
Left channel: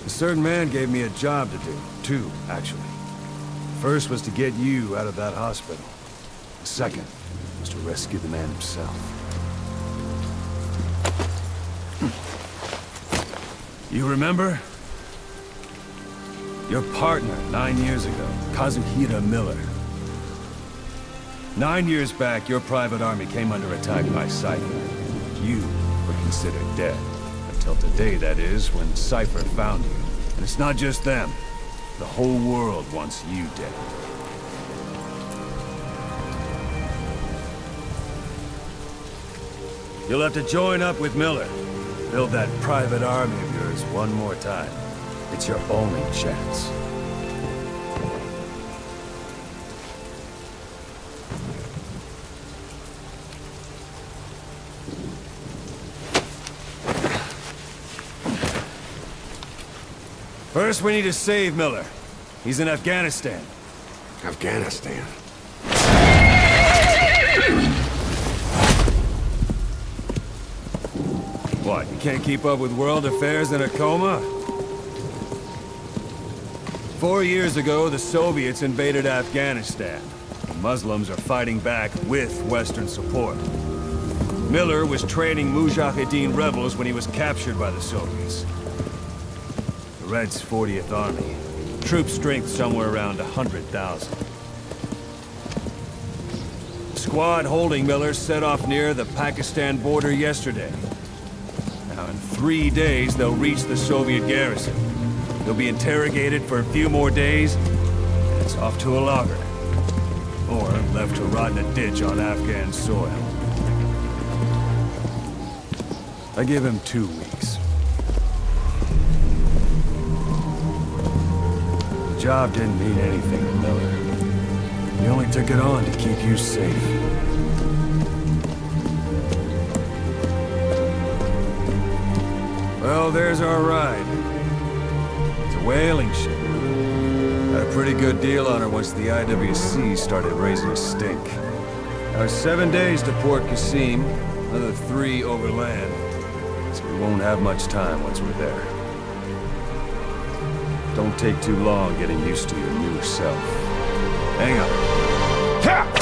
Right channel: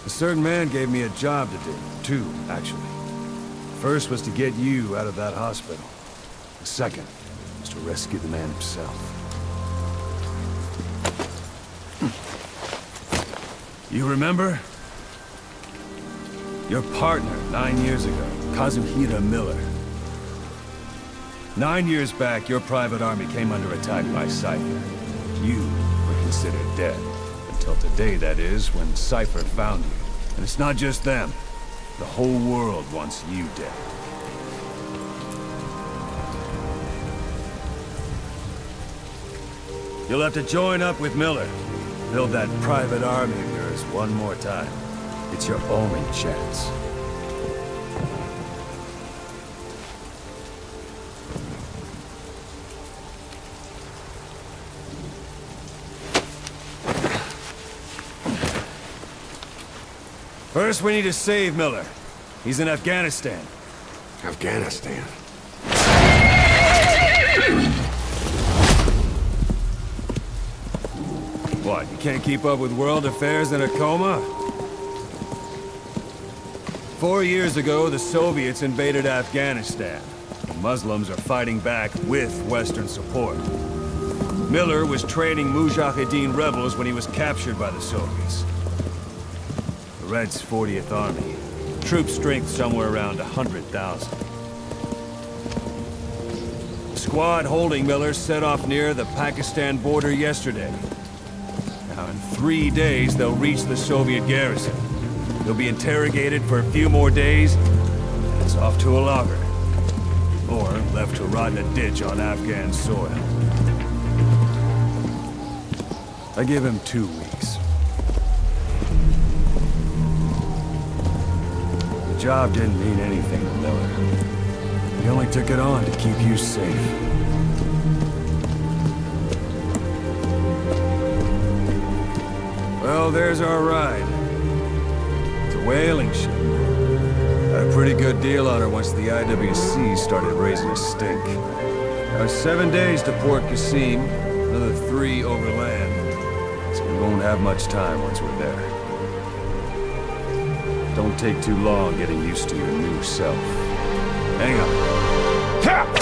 A certain man gave me a job to do. Two, actually. First was to get you out of that hospital. The second was to rescue the man himself. You remember? Your partner 9 years ago, Kazuhira Miller. 9 years back, your private army came under attack by Cypher. You were considered dead. Until today, that is, when Cypher found you. And it's not just them. The whole world wants you dead. You'll have to join up with Miller. Build that private army of yours one more time. It's your only chance. First, we need to save Miller. He's in Afghanistan. Afghanistan? What, you can't keep up with world affairs in a coma? 4 years ago, the Soviets invaded Afghanistan. The Muslims are fighting back with Western support. Miller was training Mujahideen rebels when he was captured by the Soviets. The Reds' 40th Army. Troop strength somewhere around 100,000. The squad holding Miller set off near the Pakistan border yesterday. Now, in 3 days, they'll reach the Soviet garrison. They'll be interrogated for a few more days, and it's off to a lager. Or left to rot in a ditch on Afghan soil. I give him 2 weeks. The job didn't mean anything to Miller. He only took it on to keep you safe. Well, there's our ride. It's a whaling ship. Had a pretty good deal on her once the IWC started raising a stink. Now 7 days to Port Qasim, another 3 overland. So we won't have much time once we're there. Don't take too long getting used to your new self. Hang on. Ha!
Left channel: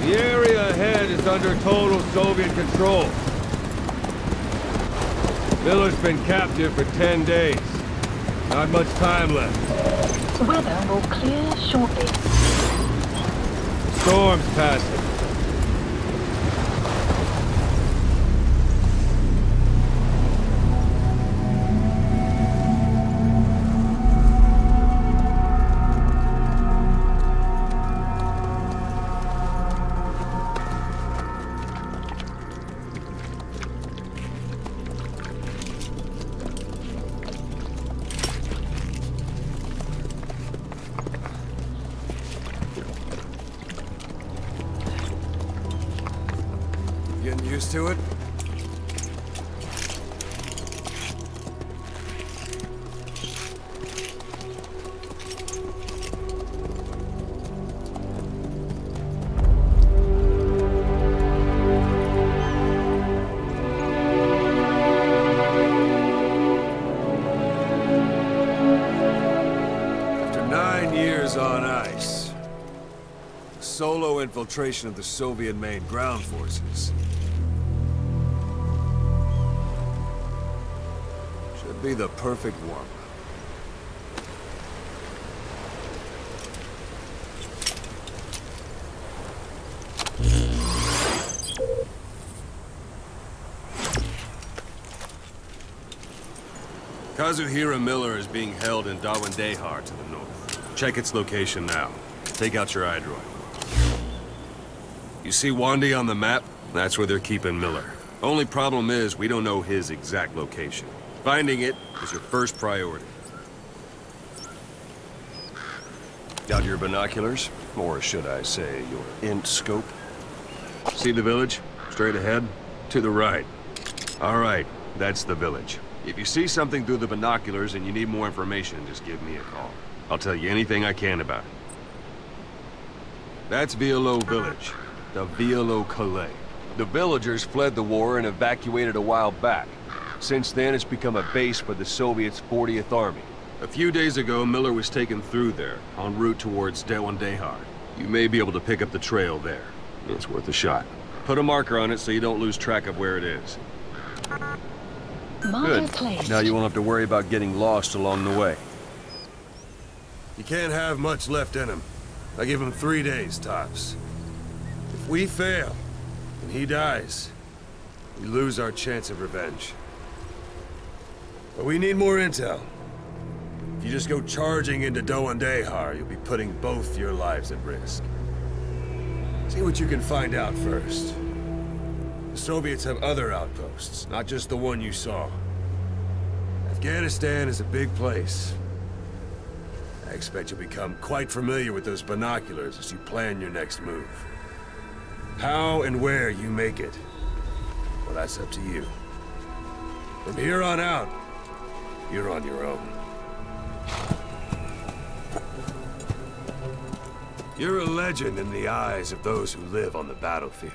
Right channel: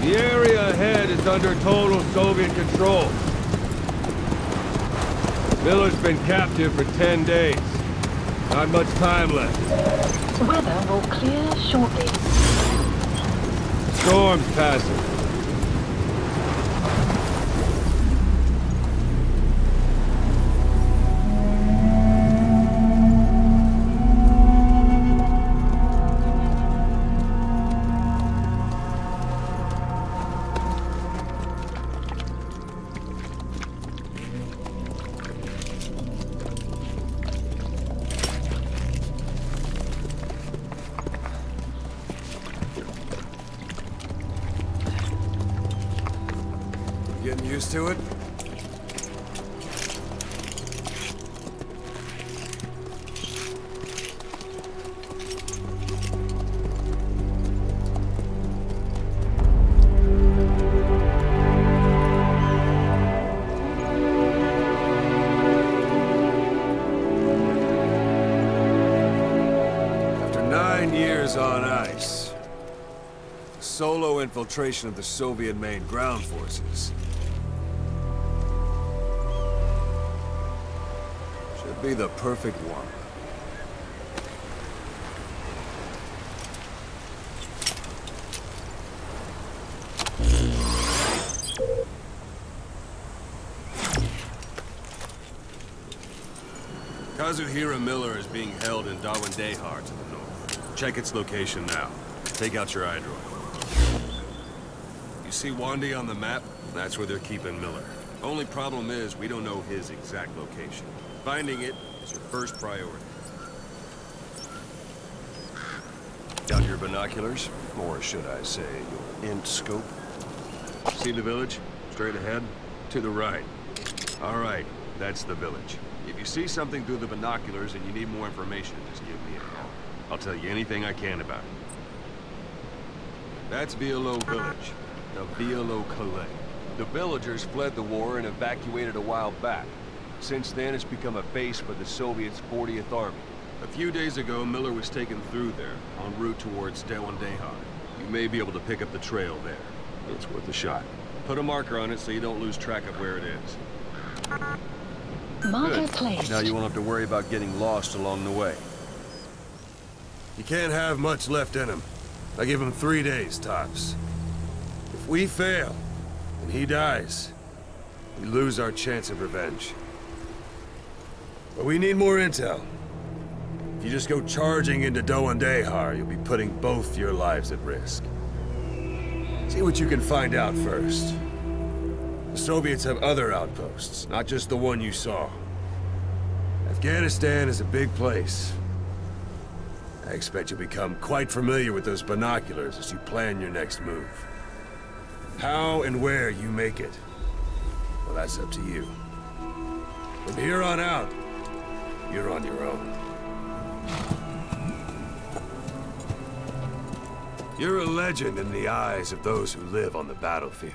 The area ahead is under total Soviet control. Miller's been captive for 10 days. Not much time left. Weather will clear shortly. Storm's passing. Getting used to it? After 9 years on ice, solo infiltration of the Soviet main ground forces should be the perfect warm-up. Kazuhira Miller is being held in Dawandehar to the north. Check its location now. Take out your iDroid. You see Wandi on the map? That's where they're keeping Miller. Only problem is, we don't know his exact location. Finding it is your first priority. Got your binoculars? Or should I say, your int scope? See the village? Straight ahead? To the right. All right, that's the village. If you see something through the binoculars and you need more information, just give me a call. I'll tell you anything I can about it. That's Violo Village. The Violo Calais. The villagers fled the war and evacuated a while back. Since then, it's become a base for the Soviets' 40th Army. A few days ago, Miller was taken through there, en route towards Dawandehar. You may be able to pick up the trail there. It's worth a shot. Put a marker on it so you don't lose track of where it is. Marker Good. placed. Now you won't have to worry about getting lost along the way. You can't have much left in him. I give him 3 days, tops. If we fail, and he dies, we lose our chance of revenge. But we need more intel. If you just go charging into Dawandehar, you'll be putting both your lives at risk. See what you can find out first. The Soviets have other outposts, not just the one you saw. Afghanistan is a big place. I expect you'll become quite familiar with those binoculars as you plan your next move. How and where you make it, well, that's up to you. From here on out, you're on your own. You're a legend in the eyes of those who live on the battlefield.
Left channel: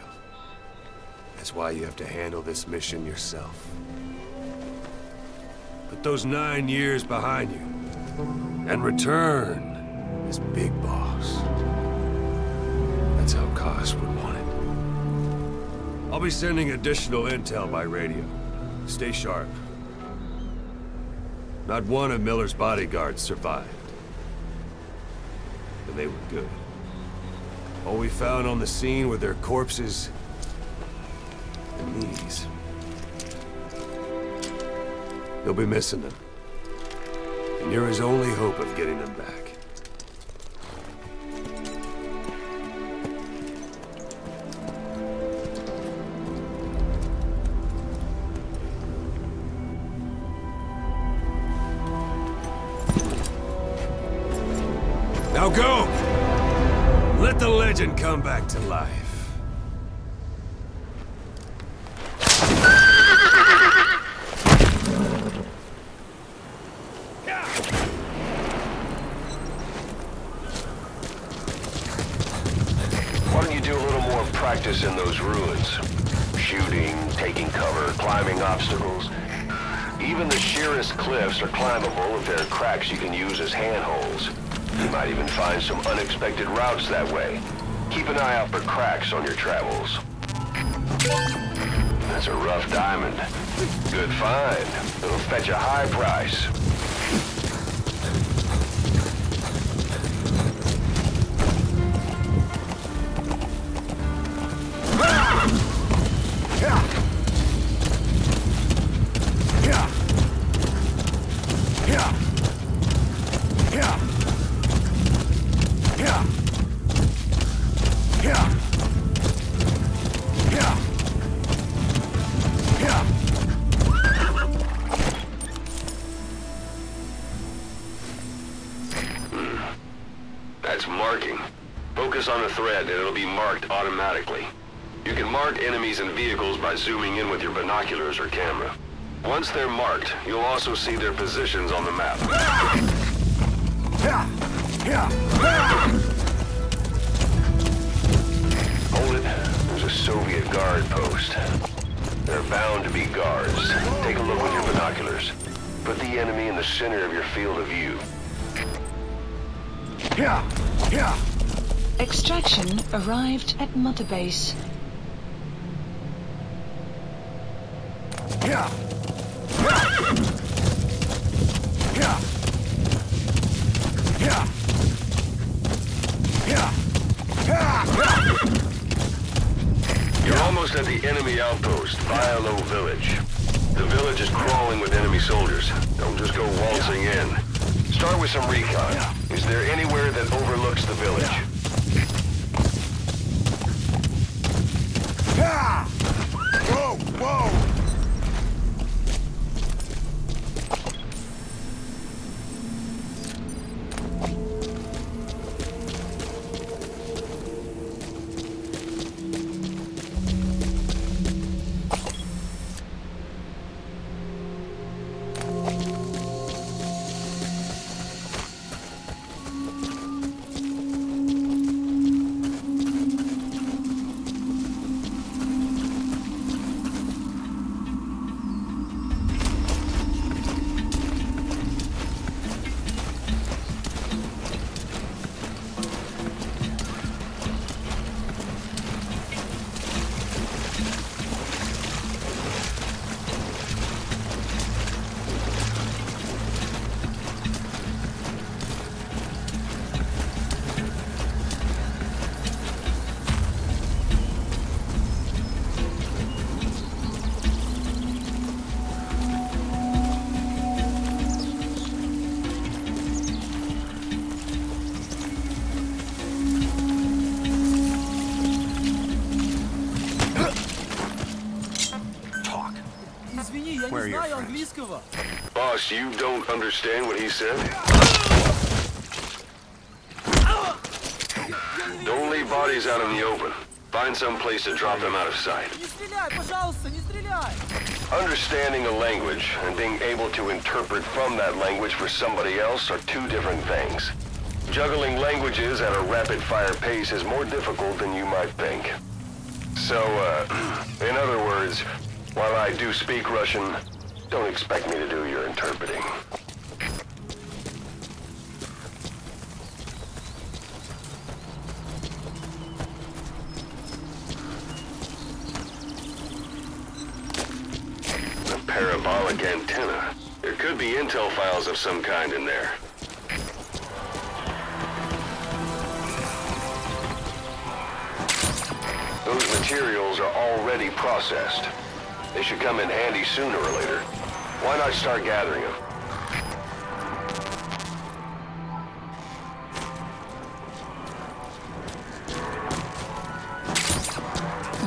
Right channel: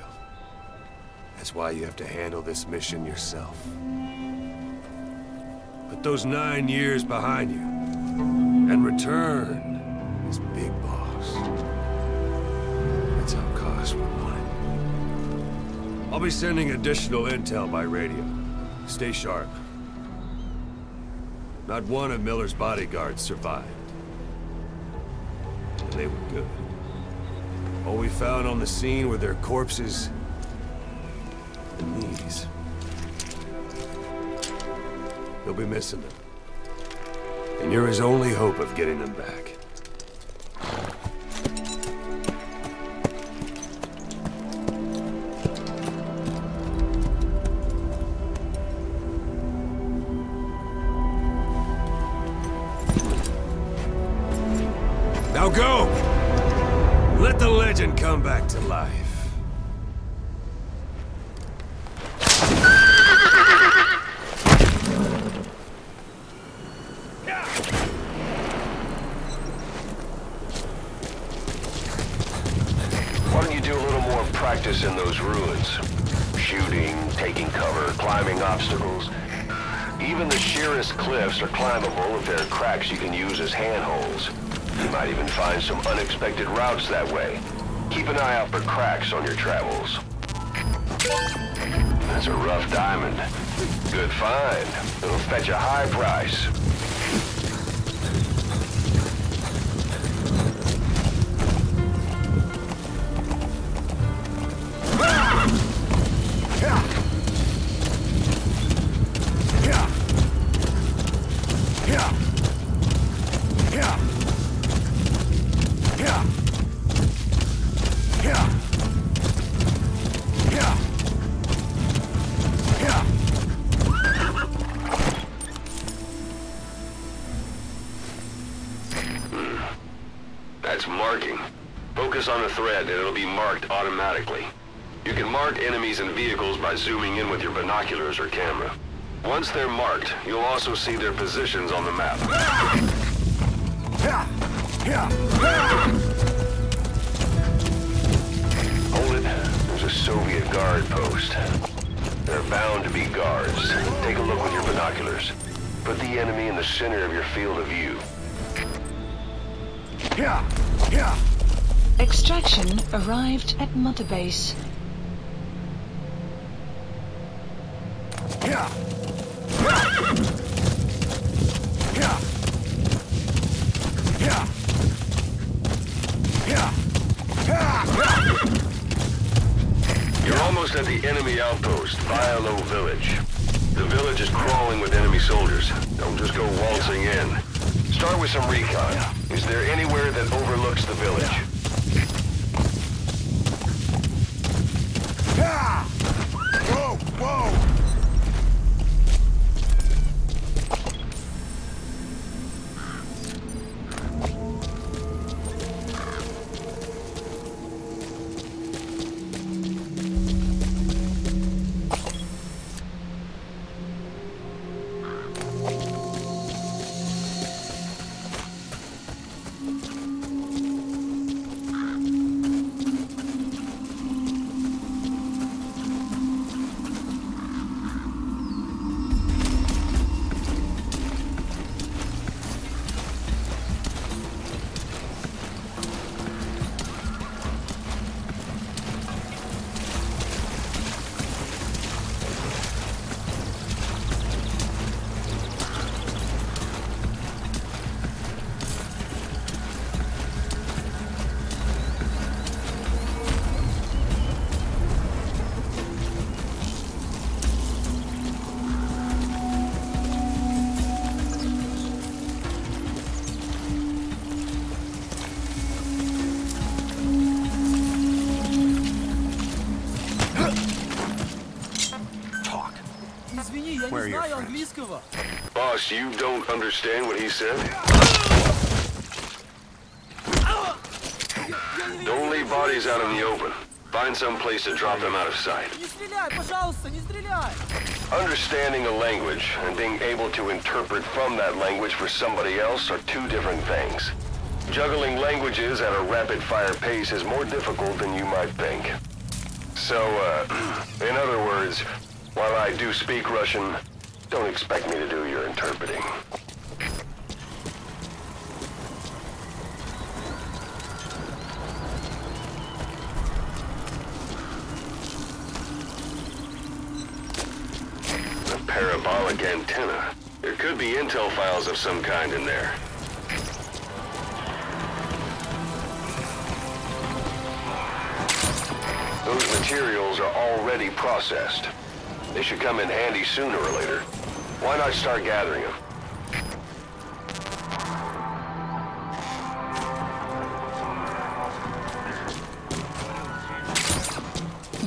That's why you have to handle this mission yourself. Put those 9 years behind you, and return as Big Boss. That's how Koss would want it. I'll be sending additional intel by radio. Stay sharp. Not one of Miller's bodyguards survived. And they were good. All we found on the scene were their corpses and these. You'll be missing them. And you're his only hope of getting them back. Now go! Let the legend come back to life. Why don't you do a little more practice in those ruins? Shooting, taking cover, climbing obstacles. Even the sheerest cliffs are climbable if there are cracks you can use as handholds. You might even find some unexpected routes that way. Keep an eye out for cracks on your travels. That's a rough diamond. Good find. It'll fetch a high price. That's marking. Focus on the thread and it'll be marked automatically. You can mark enemies and vehicles by zooming in with your binoculars or camera. Once they're marked, you'll also see their positions on the map. Hold it. There's a Soviet guard post. There are bound to be guards. Take a look with your binoculars. Put the enemy in the center of your field of view. Extraction arrived at Mother Base. You're almost at the enemy outpost, Violo Village. The village is crawling with enemy soldiers. Don't just go waltzing in. Start with some recon. Is there anywhere that overlooks the village? Whoa! Whoa! Where are your friends? Boss, you don't understand what he said? Don't leave bodies out in the open. Find some place to drop them out of sight. Understanding a language and being able to interpret from that language for somebody else are two different things. Juggling languages at a rapid-fire pace is more difficult than you might think. So, in other words, while I do speak Russian, don't expect me to do your interpreting. A parabolic antenna. There could be intel files of some kind in there. Those materials are already processed. They should come in handy sooner or later. Why not start gathering them?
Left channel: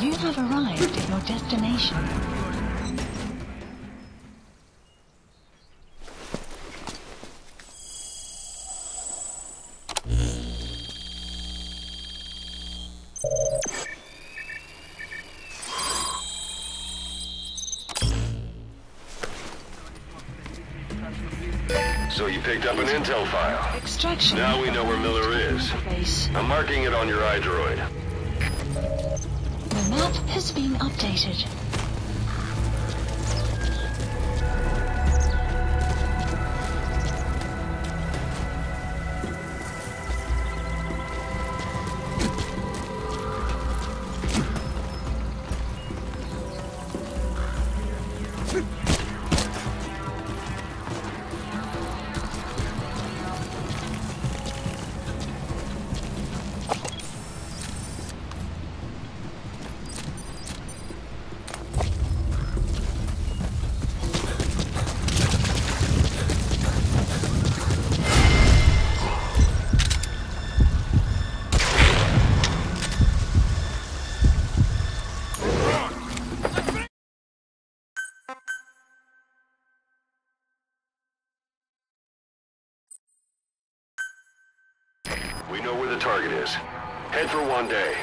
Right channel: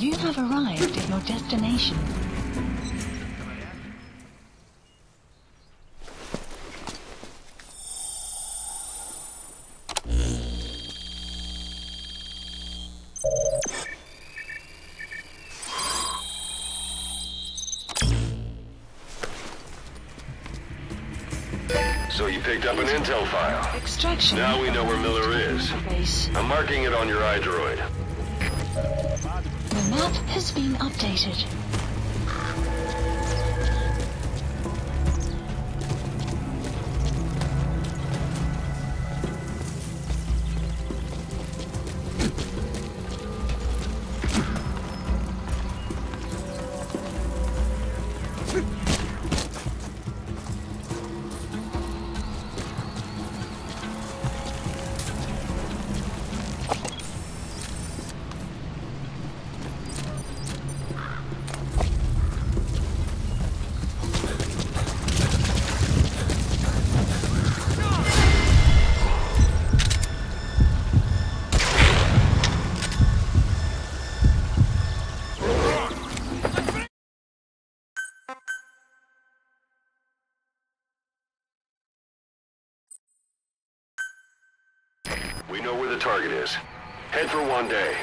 You have arrived at your destination. So you picked up an intel file. Extraction. Now we know where Miller is. Base. I'm marking it on your iDroid. The map has been updated. We know where the target is. Head for one day.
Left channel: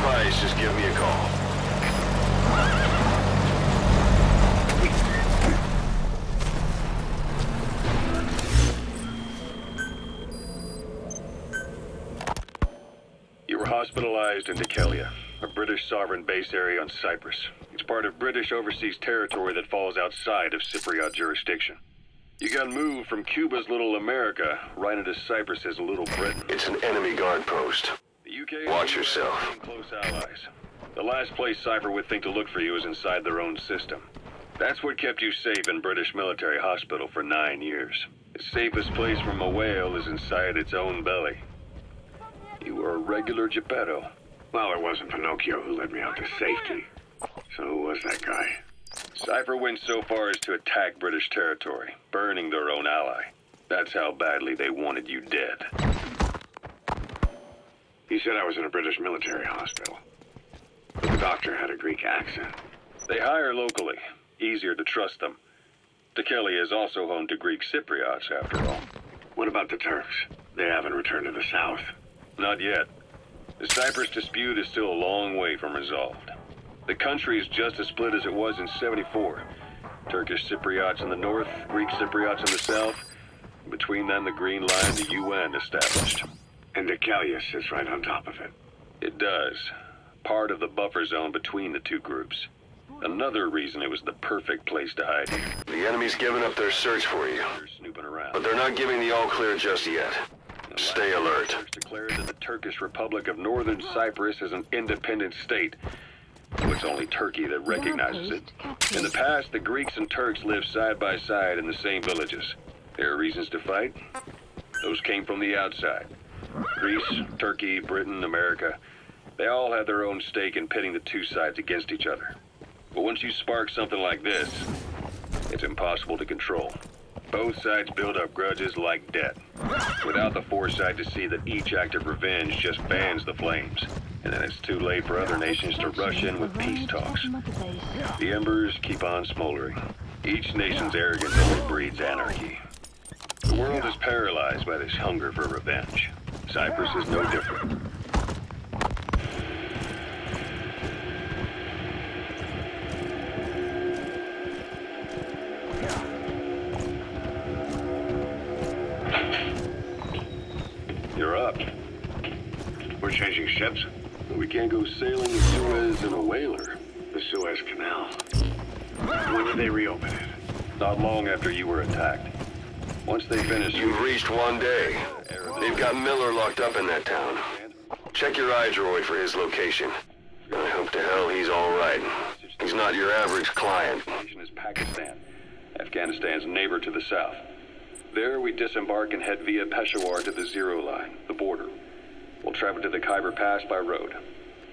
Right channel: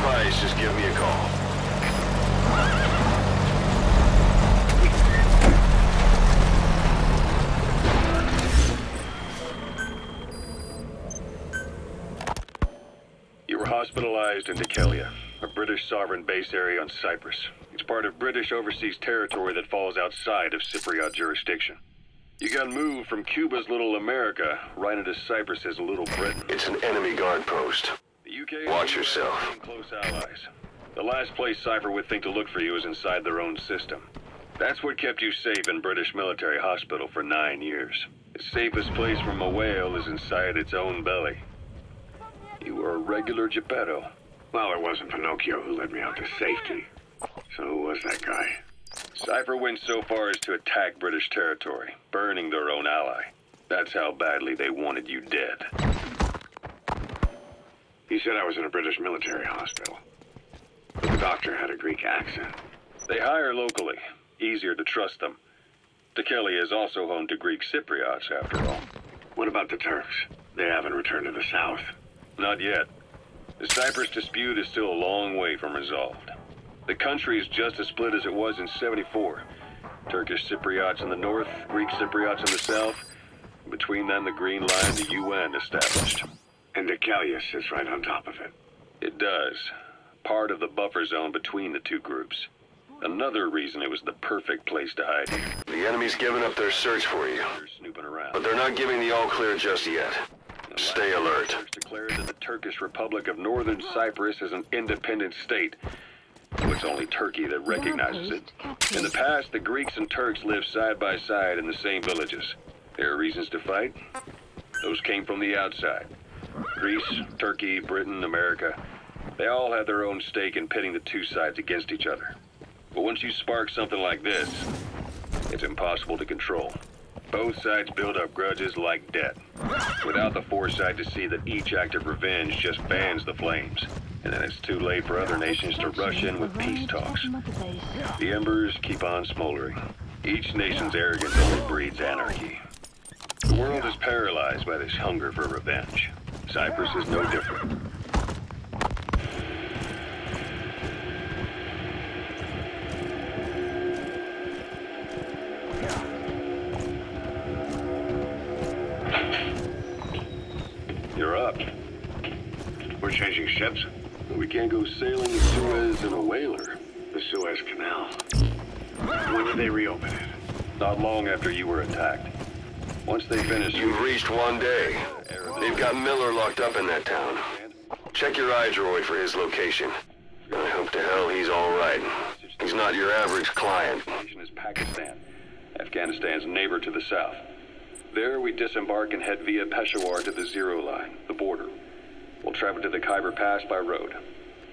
advice, just give me a call. You were hospitalized in Dikelia, a British sovereign base area on Cyprus. It's part of British overseas territory that falls outside of Cypriot jurisdiction. You got moved from Cuba's Little America right into Cyprus's Little Britain. It's an enemy guard post. The UK Watch yourself. Close allies. The last place Cypher would think to look for you is inside their own system. That's what kept you safe in British military hospital for 9 years. The safest place from a whale is inside its own belly. You were a regular Geppetto. Well, it wasn't Pinocchio who led me out to safety. So who was that guy? Cypher went so far as to attack British territory, burning their own ally. That's how badly they wanted you dead. He said I was in a British military hospital. But the doctor had a Greek accent. They hire locally. Easier to trust them. Dikelia is also home to Greek Cypriots, after all. What about the Turks? They haven't returned to the south. Not yet. The Cyprus dispute is still a long way from resolved. The country is just as split as it was in '74. Turkish Cypriots in the north, Greek Cypriots in the south. Between them, the Green Line, the UN established. And Dikelia sits right on top of it. It does. Part of the buffer zone between the two groups. Another reason it was the perfect place to hide you. The enemy's given up their search for you. They're snooping around. But they're not giving the all-clear just yet. Stay alert. Declared that the Turkish Republic of Northern Cyprus is an independent state. It's only Turkey that recognizes it. In the past, the Greeks and Turks lived side by side in the same villages. There are reasons to fight. Those came from the outside. Greece, Turkey, Britain, America, they all had their own stake in pitting the two sides against each other. But once you spark something like this, it's impossible to control. Both sides build up grudges like debt, without the foresight to see that each act of revenge just fans the flames. And then it's too late for other nations to rush in with peace talks. The embers keep on smoldering. Each nation's arrogance only breeds anarchy. The world is paralyzed by this hunger for revenge. Cyprus is no different. You're up. We're changing ships? We can't go sailing the Suez in a whaler. The Suez Canal. When did they reopen it? Not long after you were attacked. Once they finish... You've reached one day. They've got Miller locked up in that town. Check your iDroid for his location. I hope to hell he's all right. He's not your average client. Is Pakistan, Afghanistan's neighbor to the south. There we disembark and head via Peshawar to the Zero Line, the border. We'll travel to the Khyber Pass by road.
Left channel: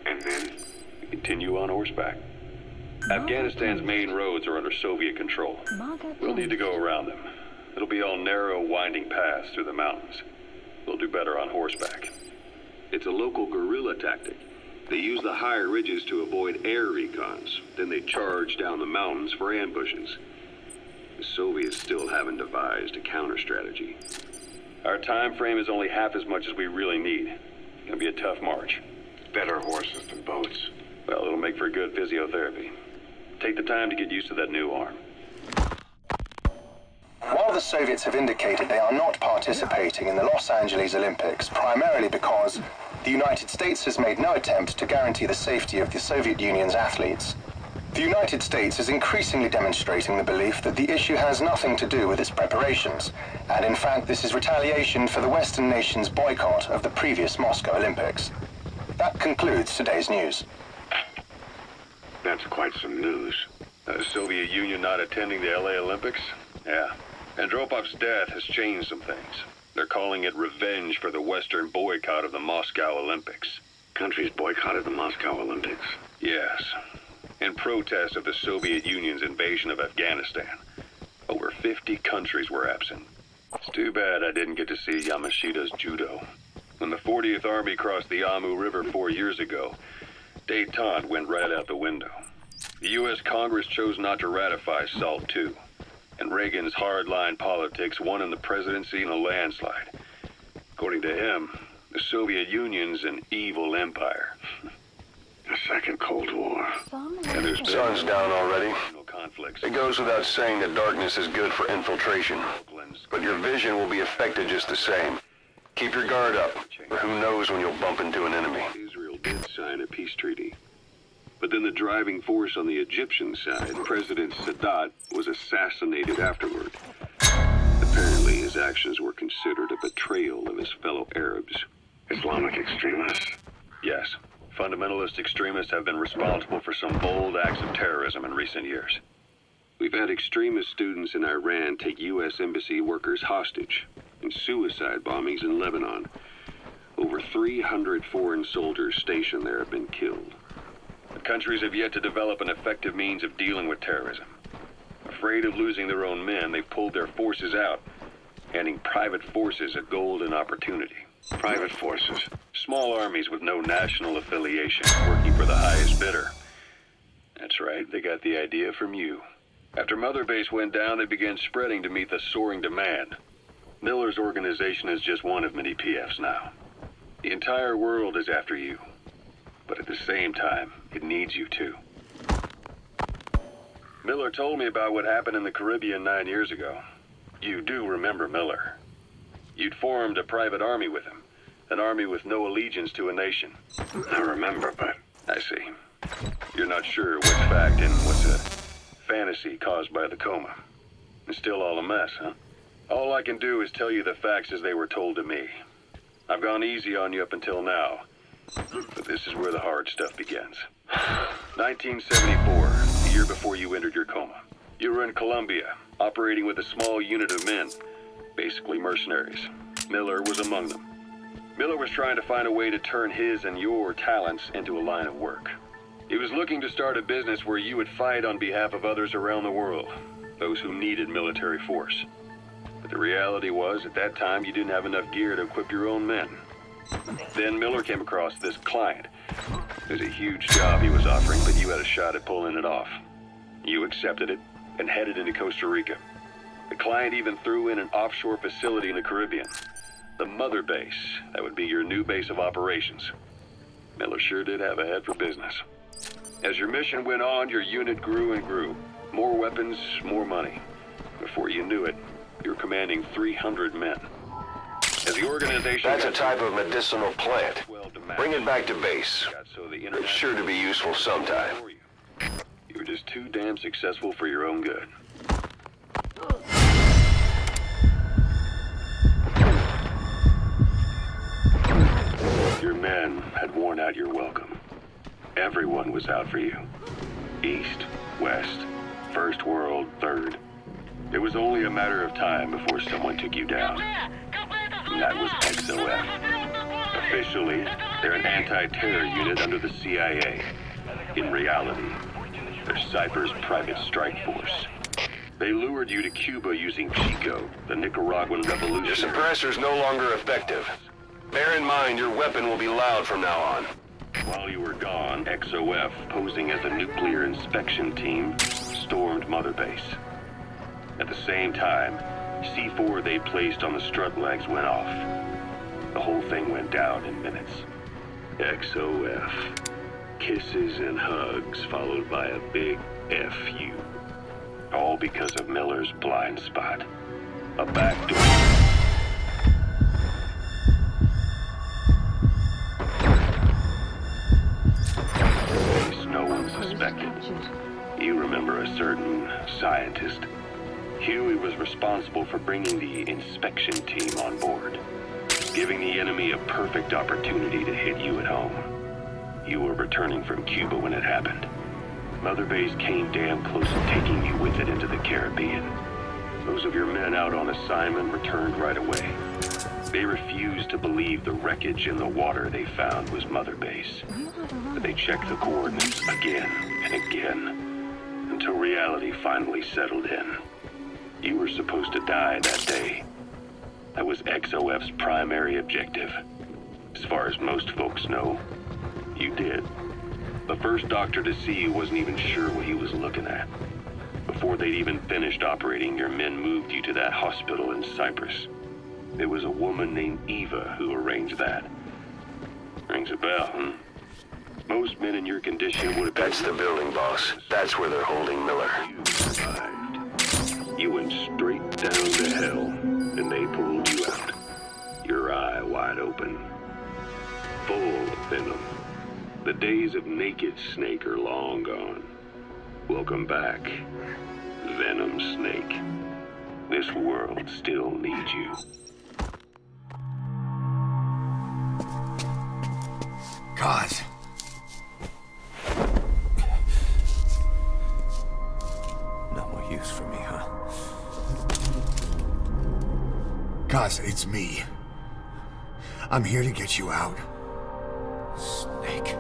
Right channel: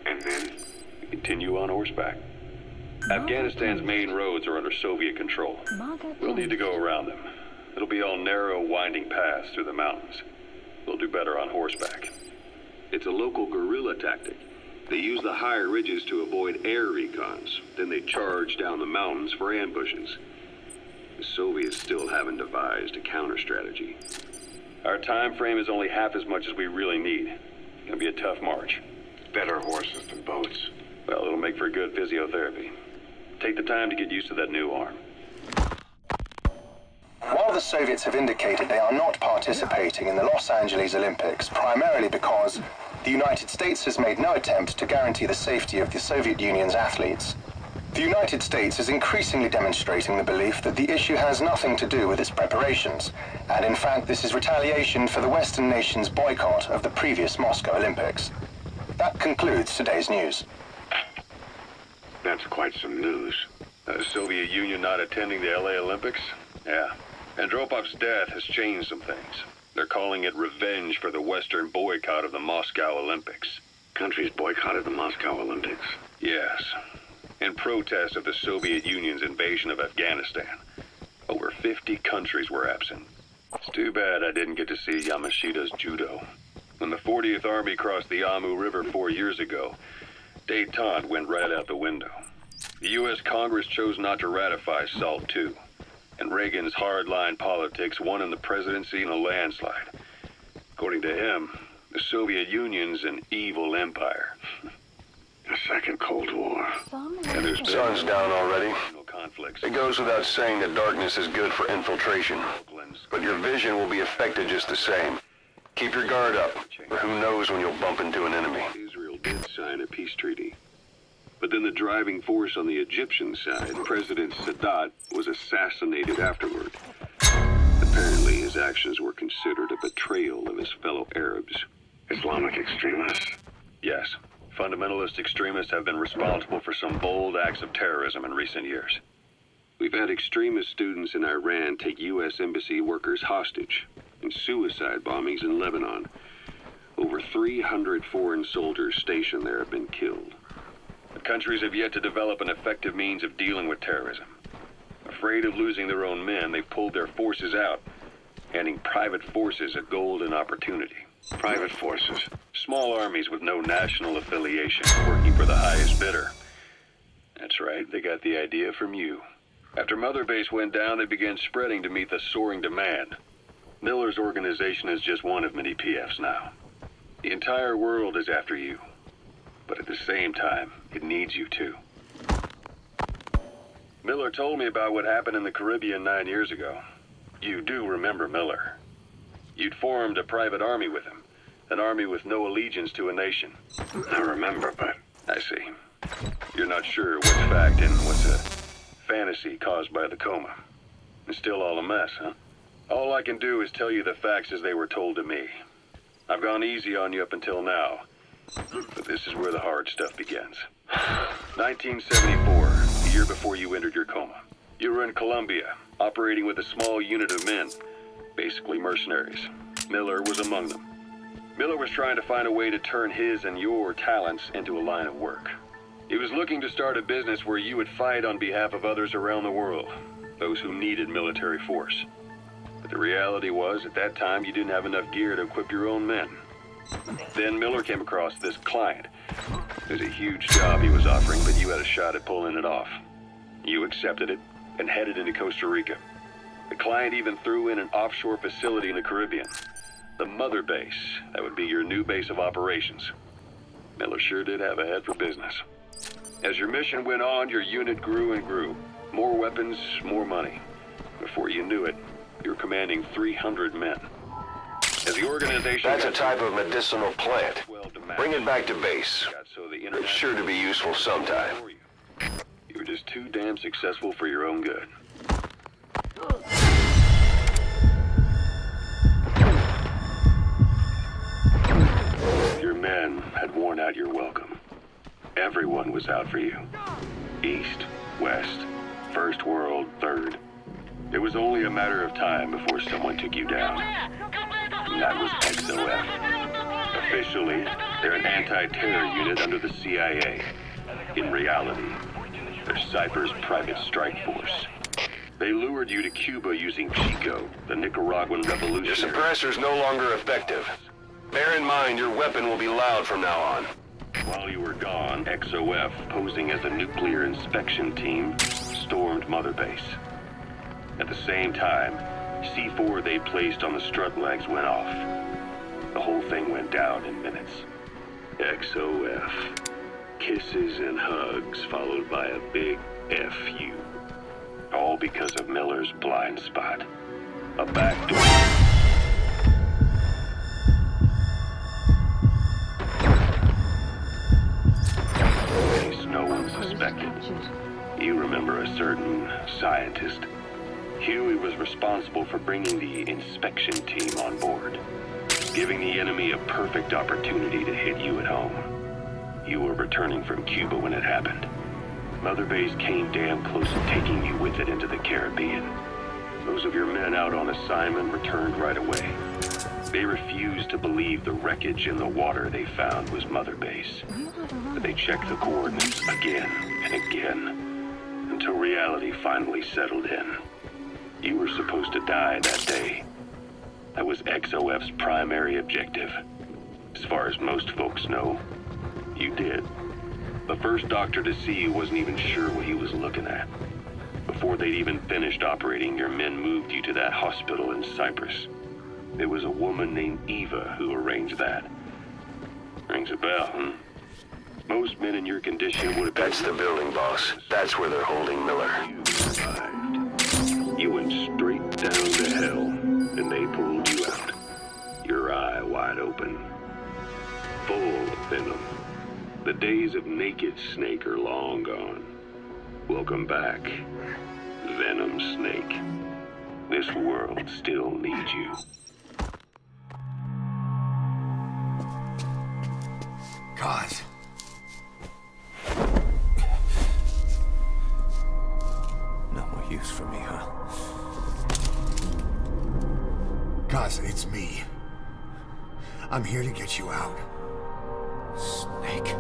And then? We continue on horseback. Afghanistan's main roads are under Soviet control. We'll need to go around them. It'll be all narrow, winding paths through the mountains. We'll do better on horseback. It's a local guerrilla tactic. They use the higher ridges to avoid air recons. Then they charge down the mountains for ambushes. The Soviets still haven't devised a counter-strategy. Our time frame is only half as much as we really need. It's gonna be a tough march. Better horses than boats. Well, it'll make for good physiotherapy. Take the time to get used to that new arm. While the Soviets have indicated they are not participating in the Los Angeles Olympics, primarily because the United States has made no attempt to guarantee the safety of the Soviet Union's athletes, the United States is increasingly demonstrating the belief that the issue has nothing to do with its preparations, and in fact this is retaliation for the Western nations' boycott of the previous Moscow Olympics. That concludes today's news. That's quite some news. The Soviet Union not attending the LA Olympics? Yeah. Andropov's death has changed some things. They're calling it revenge for the Western boycott of the Moscow Olympics. Countries boycotted the Moscow Olympics? Yes. In protest of the Soviet Union's invasion of Afghanistan. Over 50 countries were absent. It's too bad I didn't get to see Yamashita's judo. When the 40th Army crossed the Amu River 4 years ago, détente went right out the window. The U.S. Congress chose not to ratify SALT II, and Reagan's hardline politics won in the presidency in a landslide. According to him, the Soviet Union's an evil empire. The Second Cold War. And there's sun's down already. It goes without saying that darkness is good for infiltration. But your vision will be affected just the same. Keep your guard up, or who knows when you'll bump into an enemy. Israel did sign a peace treaty. But then the driving force on the Egyptian side, President Sadat, was assassinated afterward. Apparently, his actions were considered a betrayal of his fellow Arabs. Islamic extremists? Yes. Fundamentalist extremists have been responsible for some bold acts of terrorism in recent years. We've had extremist students in Iran take U.S. embassy workers hostage, and suicide bombings in Lebanon. Over 300 foreign soldiers stationed there have been killed. The countries have yet to develop an effective means of dealing with terrorism. Afraid of losing their own men, they've pulled their forces out, handing private forces a golden opportunity. Private forces? Small armies with no national affiliation, working for the highest bidder. That's right, they got the idea from you. After Mother Base went down, they began spreading to meet the soaring demand. Miller's organization is just one of many PFs now. The entire world is after you. But at the same time, it needs you too. Miller told me about what happened in the Caribbean 9 years ago. You do remember Miller. You'd formed a private army with him. An army with no allegiance to a nation. I remember, but... I see. You're not sure what's fact and what's a fantasy caused by the coma. It's still all a mess, huh? All I can do is tell you the facts as they were told to me. I've gone easy on you up until now. But this is where the hard stuff begins. 1974, the year before you entered your coma. You were in Colombia, operating with a small unit of men, basically mercenaries. Miller was among them. Miller was trying to find a way to turn his and your talents into a line of work. He was looking to start a business where you would fight on behalf of others around the world, those who needed military force. But the reality was, at that time, you didn't have enough gear to equip your own men. Then Miller came across this client. It was a huge job he was offering, but you had a shot at pulling it off. You accepted it and headed into Costa Rica. The client even threw in an offshore facility in the Caribbean. The Mother Base, that would be your new base of operations. Miller sure did have a head for business. As your mission went on, your unit grew and grew. More weapons, more money. Before you knew it, you were commanding 300 men. As the organization... That's a type of medicinal plant. Bring it back to base. It's sure to be useful sometime. You were just too damn successful for your own good. Your men had worn out your welcome. Everyone was out for you. East, West, First World, Third. It was only a matter of time before someone took you down. And that was XOF. Officially, they're an anti-terror unit under the CIA. In reality, they're Cypher's private strike force. They lured you to Cuba using Chico, the Nicaraguan revolution. Your suppressor's no longer effective. Bear in mind, your weapon will be loud from now on. While you were gone, XOF, posing as a nuclear inspection team, stormed Mother Base. At the same time, C4 they placed on the strut legs went off. The whole thing went down in minutes. XOF. Kisses and hugs followed by a big FU. All because of Miller's blind spot. A backdoor. No one suspected. You remember a certain scientist. Huey was responsible for bringing the inspection team on board, giving the enemy a perfect opportunity to hit you at home. You were returning from Cuba when it happened. Mother Base came damn close to taking you with it into the Caribbean. Those of your men out on assignment returned right away. They refused to believe the wreckage in the water they found was Mother Base. But they checked the coordinates again and again, until reality finally settled in. You were supposed to die that day. That was XOF's primary objective. As far as most folks know, you did. The first doctor to see you wasn't even sure what he was looking at. Before they'd even finished operating, your men moved you to that hospital in Cyprus. It was a woman named Eva who arranged that. Rings a bell, huh? Most men in your condition would have been... That's the building, boss. That's where they're holding Miller. You survived. You went straight down to hell, and they pulled you out. Your eye wide open. Full of venom. The days of naked Snake are long gone. Welcome back, Venom Snake. This world still needs you. God. No more use for me, huh? Gaz, it's me. I'm here to get you out. Snake.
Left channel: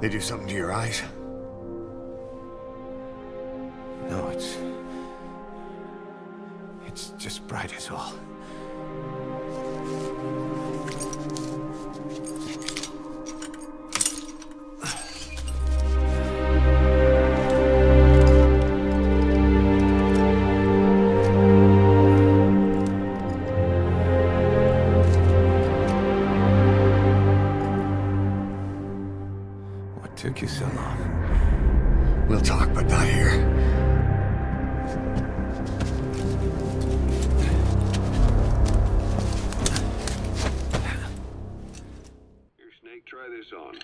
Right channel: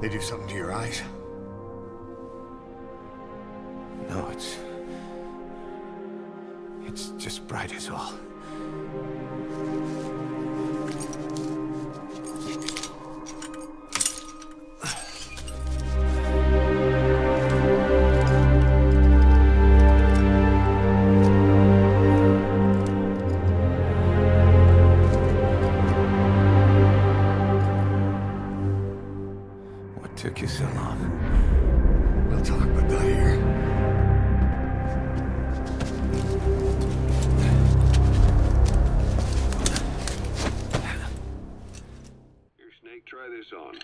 They do something to your eyes? No, it's just bright as all. What took you so long? We'll talk, but not here. Try this on.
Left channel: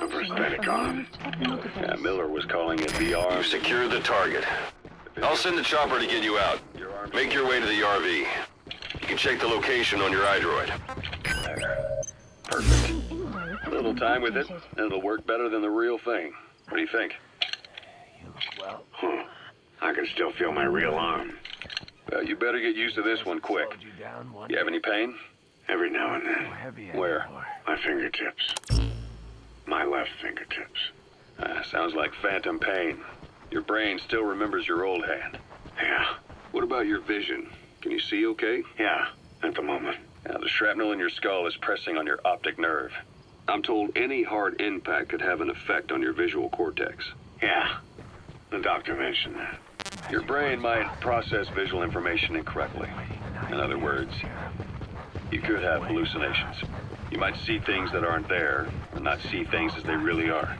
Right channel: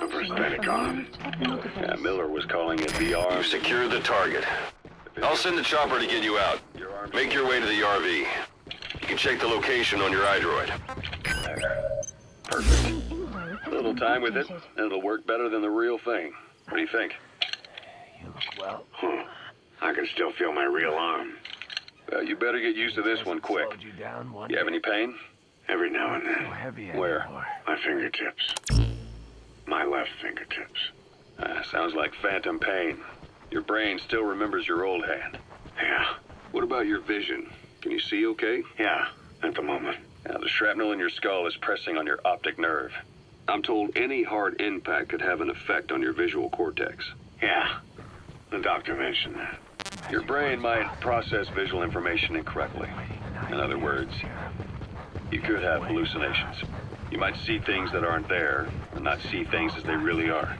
A prosthetic arm. Yeah, Miller was calling it the arm. You've secured the target. I'll send the chopper to get you out. Make your way to the RV. You can check the location on your iDroid. Perfect. A little time with it, and it'll work better than the real thing. What do you think? You look well. I can still feel my real arm. Well, you better get used to this one quick. You have any pain? Every now and then. Where? My fingertips. My left fingertips. Sounds like phantom pain. Your brain still remembers your old hand. Yeah. What about your vision? Can you see okay? Yeah, at the moment. Now, the shrapnel in your skull is pressing on your optic nerve. I'm told any hard impact could have an effect on your visual cortex. Yeah, the doctor mentioned that. Your brain might process visual information incorrectly. In other words, you could have hallucinations. You might see things that aren't there, or not see things as they really are.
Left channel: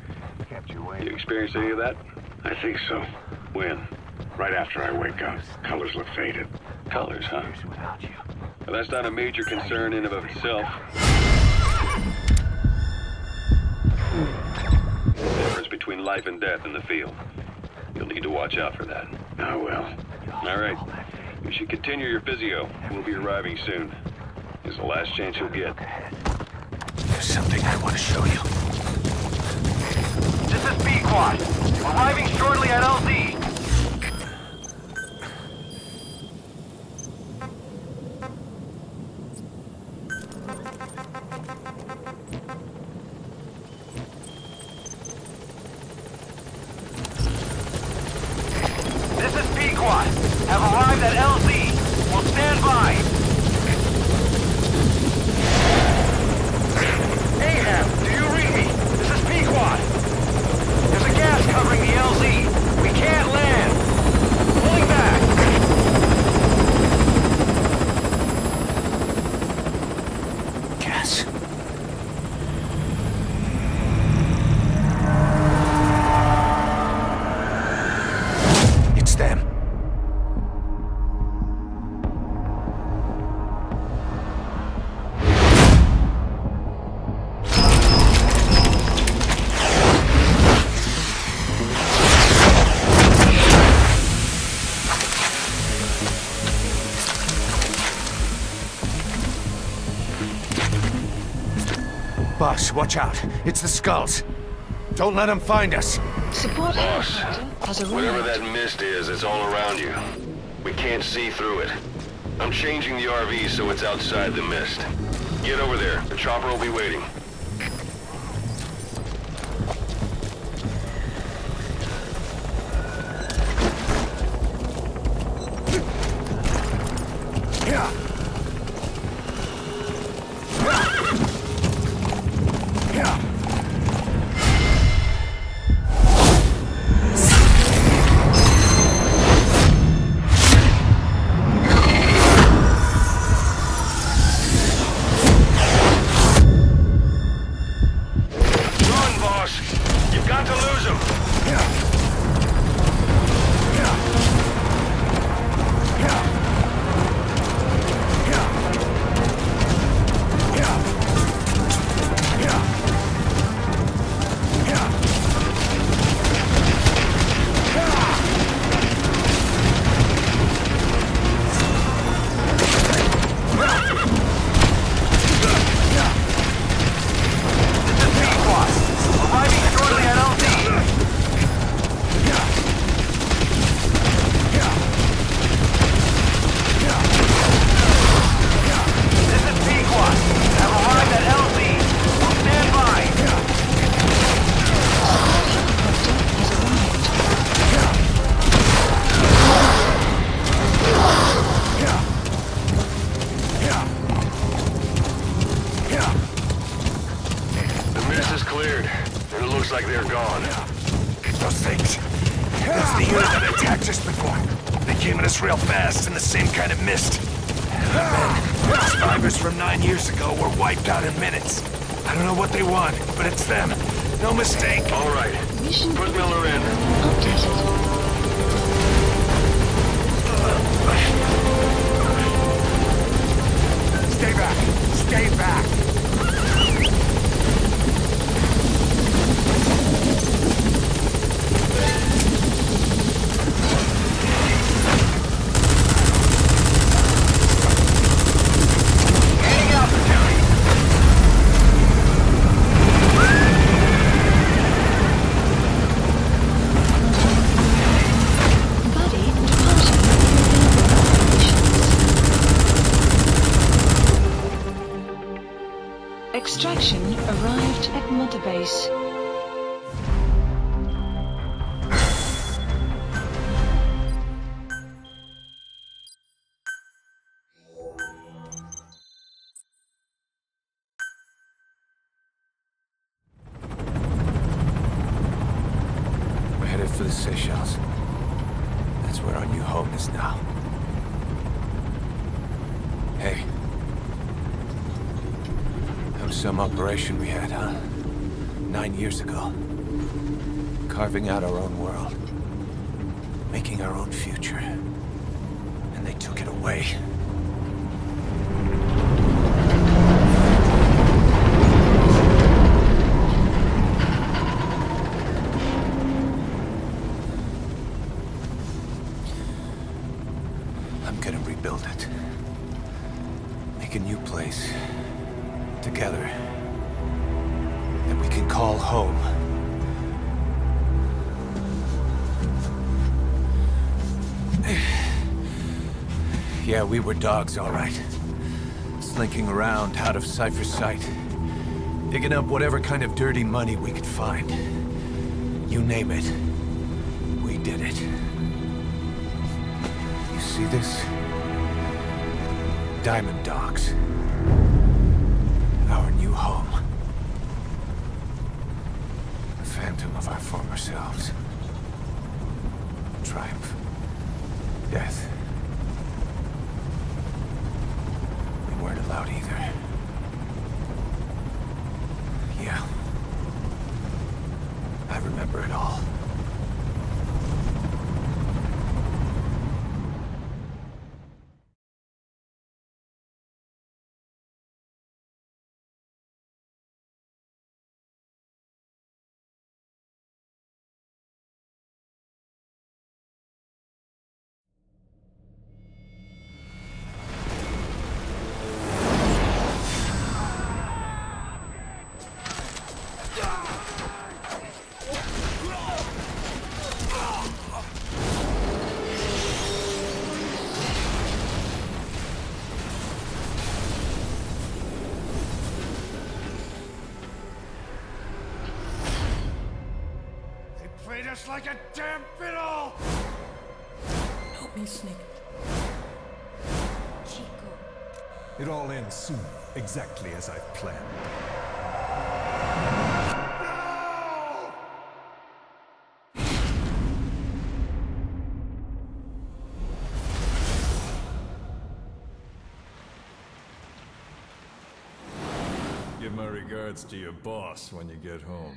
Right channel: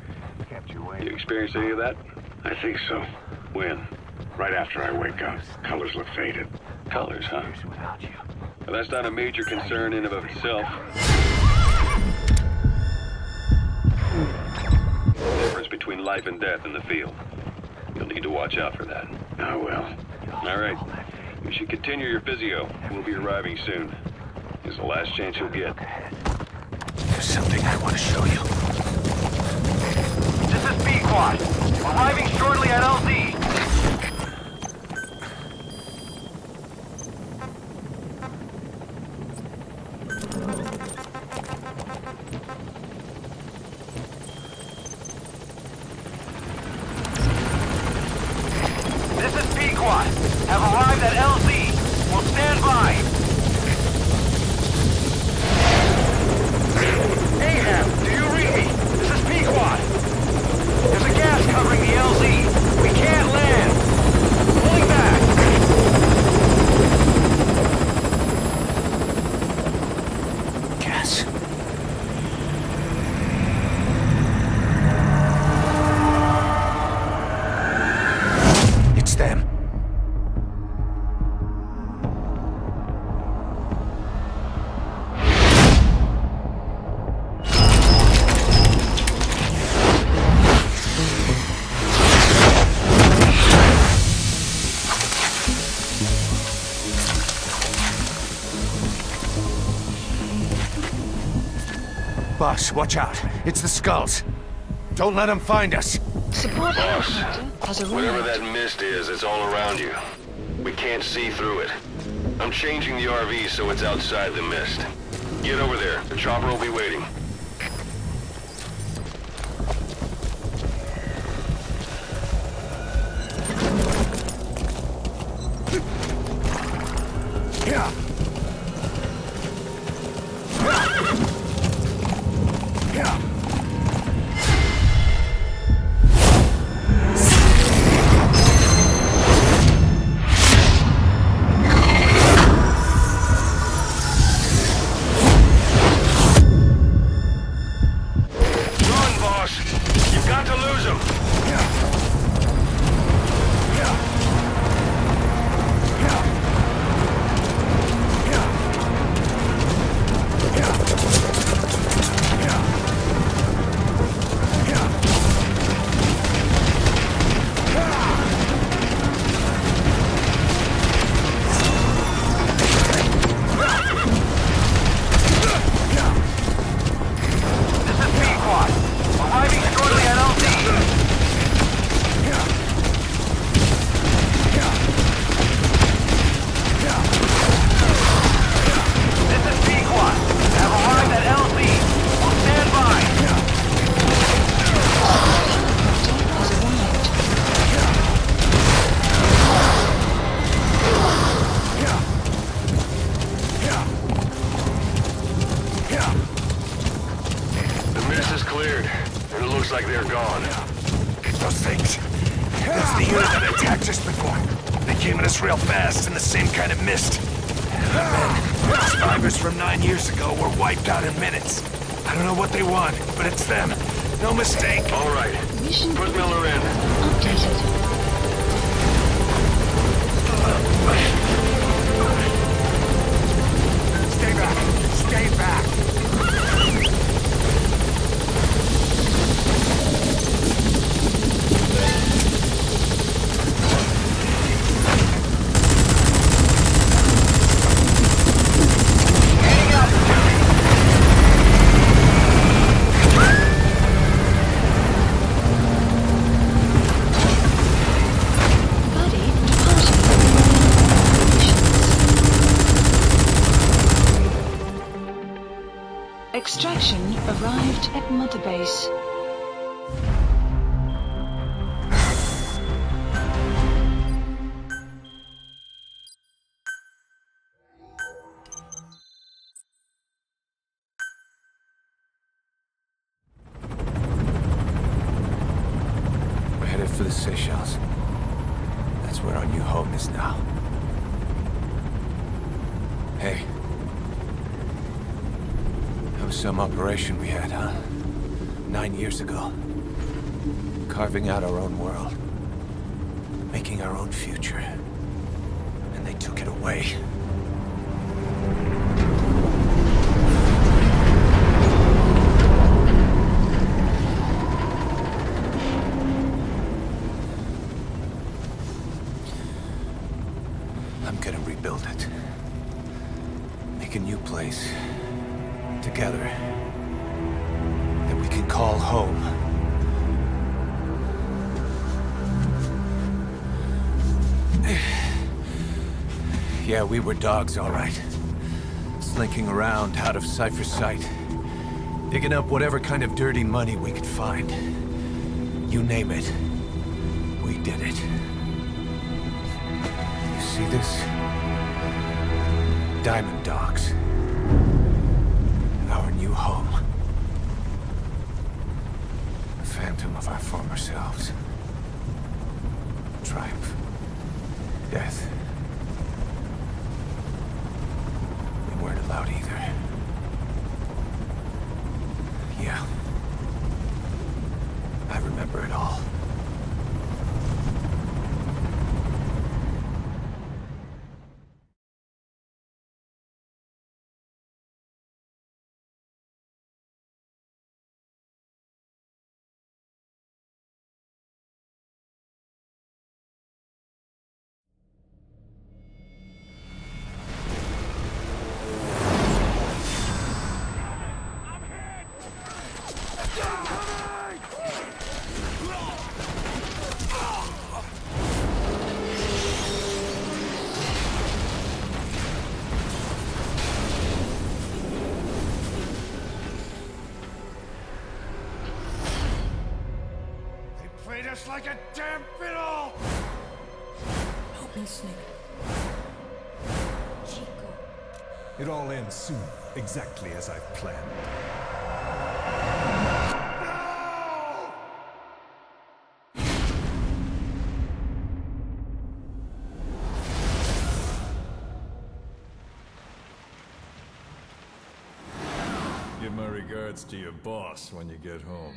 You experience any of that? I think so. When? Right after I wake up. Colors look faded. Colors, huh? Well, that's not a major concern in and of itself. The difference between life and death in the field. You'll need to watch out for that. I will. All right. You should continue your physio. We'll be arriving soon. It's the last chance you'll get. There's something I want to show you. This is B-Quad. Arriving shortly at LZ. This is B-Quad. Have arrived at LZ. Will stand by. Ahab, do you read me? This is P-Quad. There's a gas covering the LZ. We can't land. Pulling back. Gas. It's them. Boss, watch out. It's the skulls. Don't let them find us. Support Boss, helicopter has arrived. whatever that mist is, it's all around you. We can't see through it. I'm changing the RV so it's outside the mist. Get over there. The chopper will be waiting. Yeah. the unit that attacked us before. They came at us real fast in the same kind of mist. The survivors from 9 years ago were wiped out in minutes. I don't know what they want, but it's them. No mistake. All right. Put Miller in. Updated. Stay back! Stay back! Extraction arrived at Mother Base. We're headed for the Seychelles. That's where our new home is now. Hey. That was some operation we had, huh? 9 years ago. Carving out our own world. Making our own future. And they took it away. I'm gonna rebuild it. Make a new place. Together. That we can call home. Yeah, we were dogs, all right. Slinking around out of Cypher's sight. Digging up whatever kind of dirty money we could find. You name it. We did it. You see this? Diamond Dogs. Our new home. A phantom of our former selves. Triumph. Death. We weren't allowed either. Yeah. I remember it all. Played us like a damn fiddle! Help me, Snake. Chico. It all ends soon, exactly as I've planned. Give my regards to your boss when you get home.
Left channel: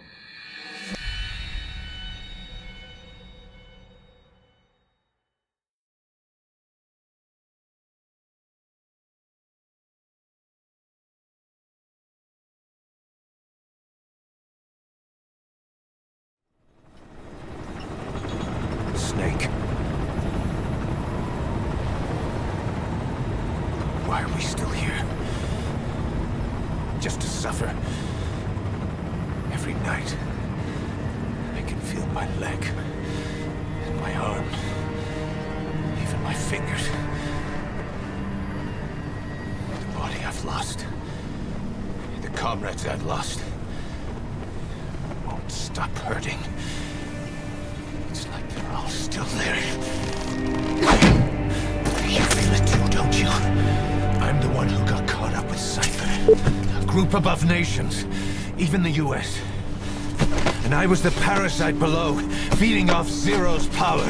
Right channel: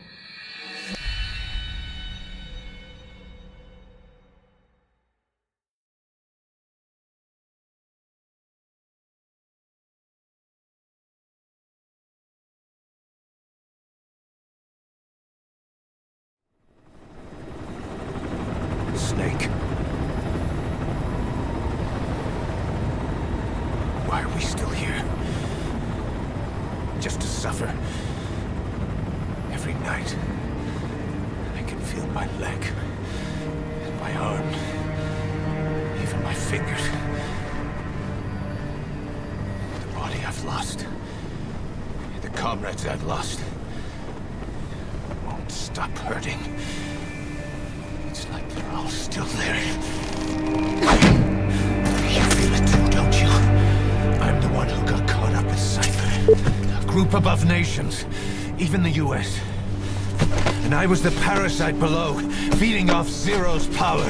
Snake. Why are we still here? Just to suffer. Every night, I can feel my leg, and my arm, even my fingers. The body I've lost, the comrades I've lost, won't stop hurting. It's like they're all still there. You feel it too, don't you? I'm the one who got caught up with Cypher. A group above nations. Even the US. And I was the parasite below, feeding off Zero's power.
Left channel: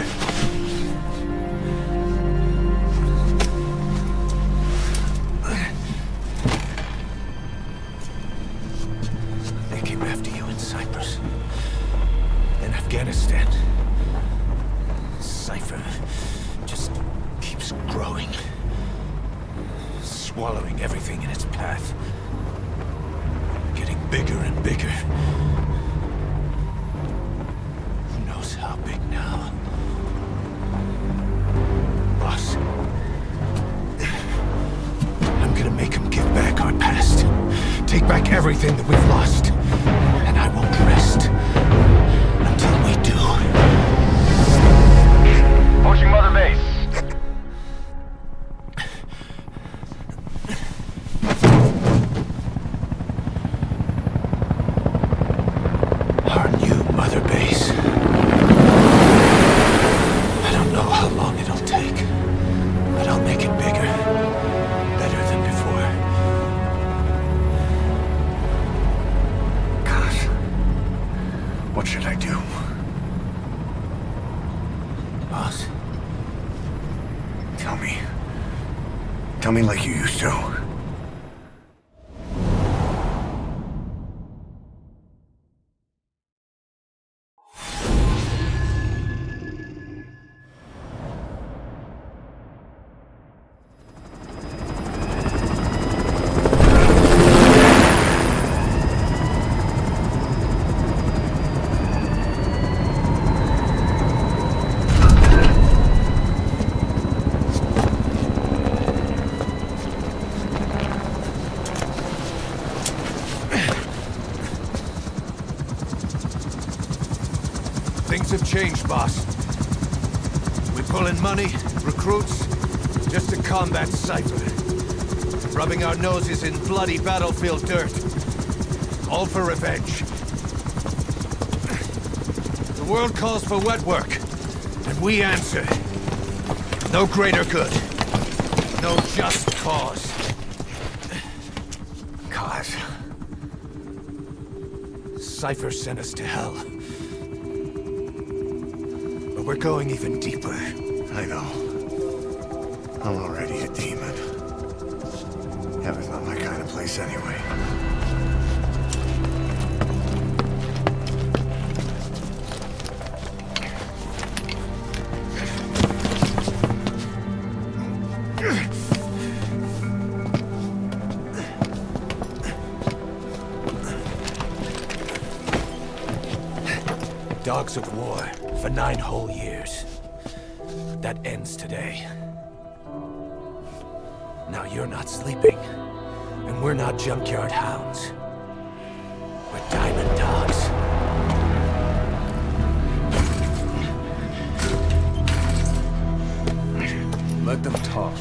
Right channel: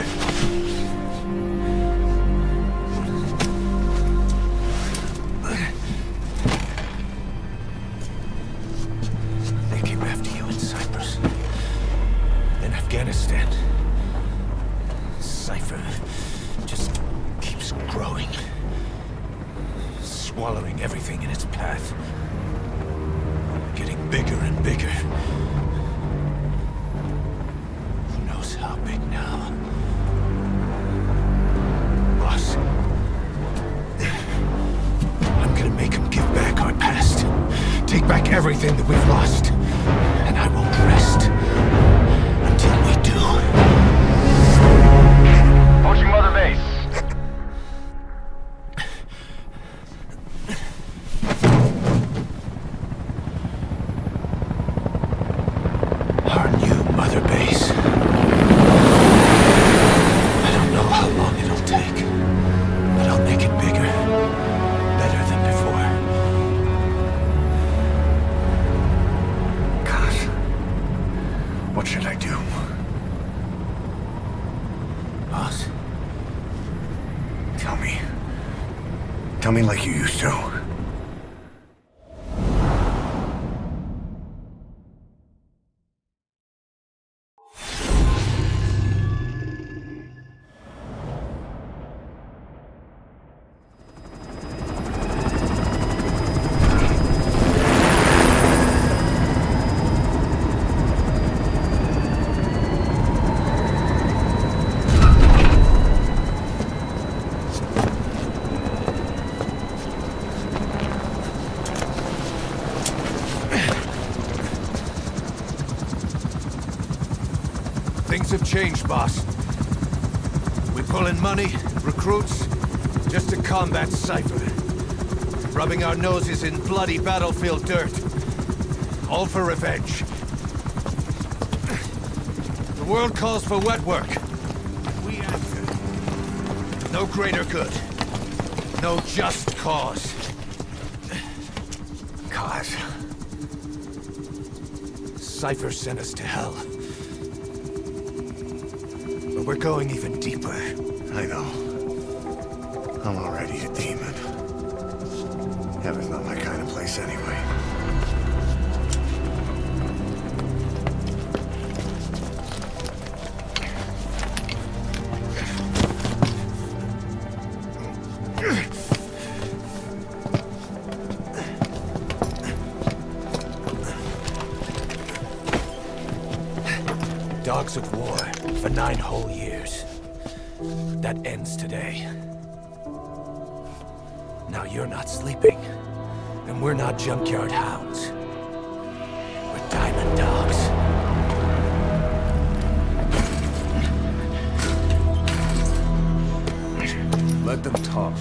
They came after you in Cyprus. In Afghanistan. Cypher just keeps growing. Swallowing everything in its path. Getting bigger and bigger. Who knows how big now? Boss. I'm gonna make him give back our past. Take back everything that we've lost. And I won't rest until we do. Approaching Mother Base. Our new Mother Base. I don't know how long it'll take, but I'll make it bigger. Better than before. God. What should I do? Boss? Tell me. Tell me like you used to. Things have changed, boss. We pull in money, recruits, just to combat Cypher. Rubbing our noses in bloody battlefield dirt. All for revenge. The world calls for wet work, and we answer. No greater good. No just cause. Cause? Cypher sent us to hell. But we're going even deeper. I know. I'm already a demon. Heaven's not my kind of place anyway. Dogs of war for 9 whole years. That ends today. Now you're not sleeping, and we're not junkyard hounds. We're diamond dogs. Let them talk.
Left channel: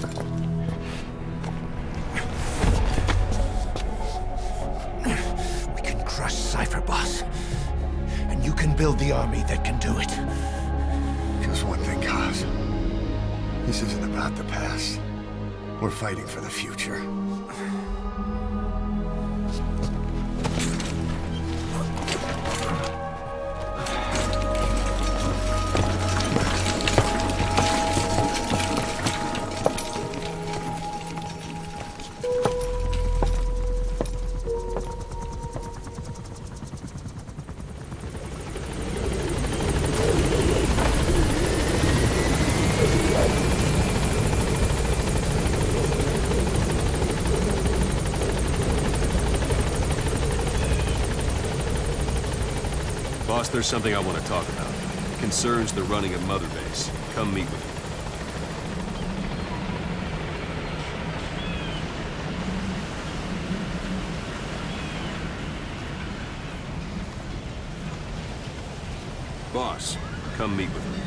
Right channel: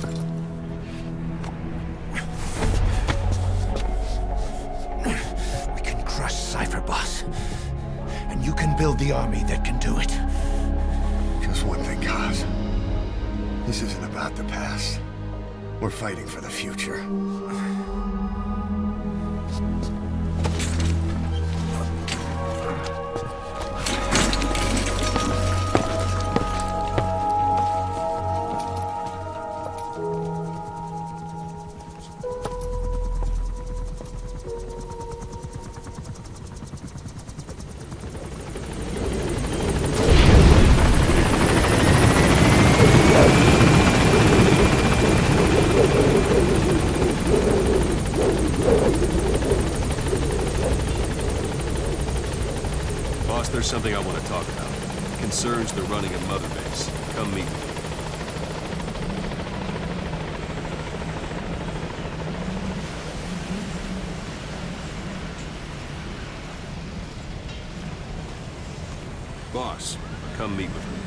We can crush Cypher, boss. And you can build the army that can do it. Just one thing, Kaz. This isn't about the past. We're fighting for the future. Boss, there's something I want to talk about. It concerns the running of Mother Base. Come meet with me. Boss, come meet with me.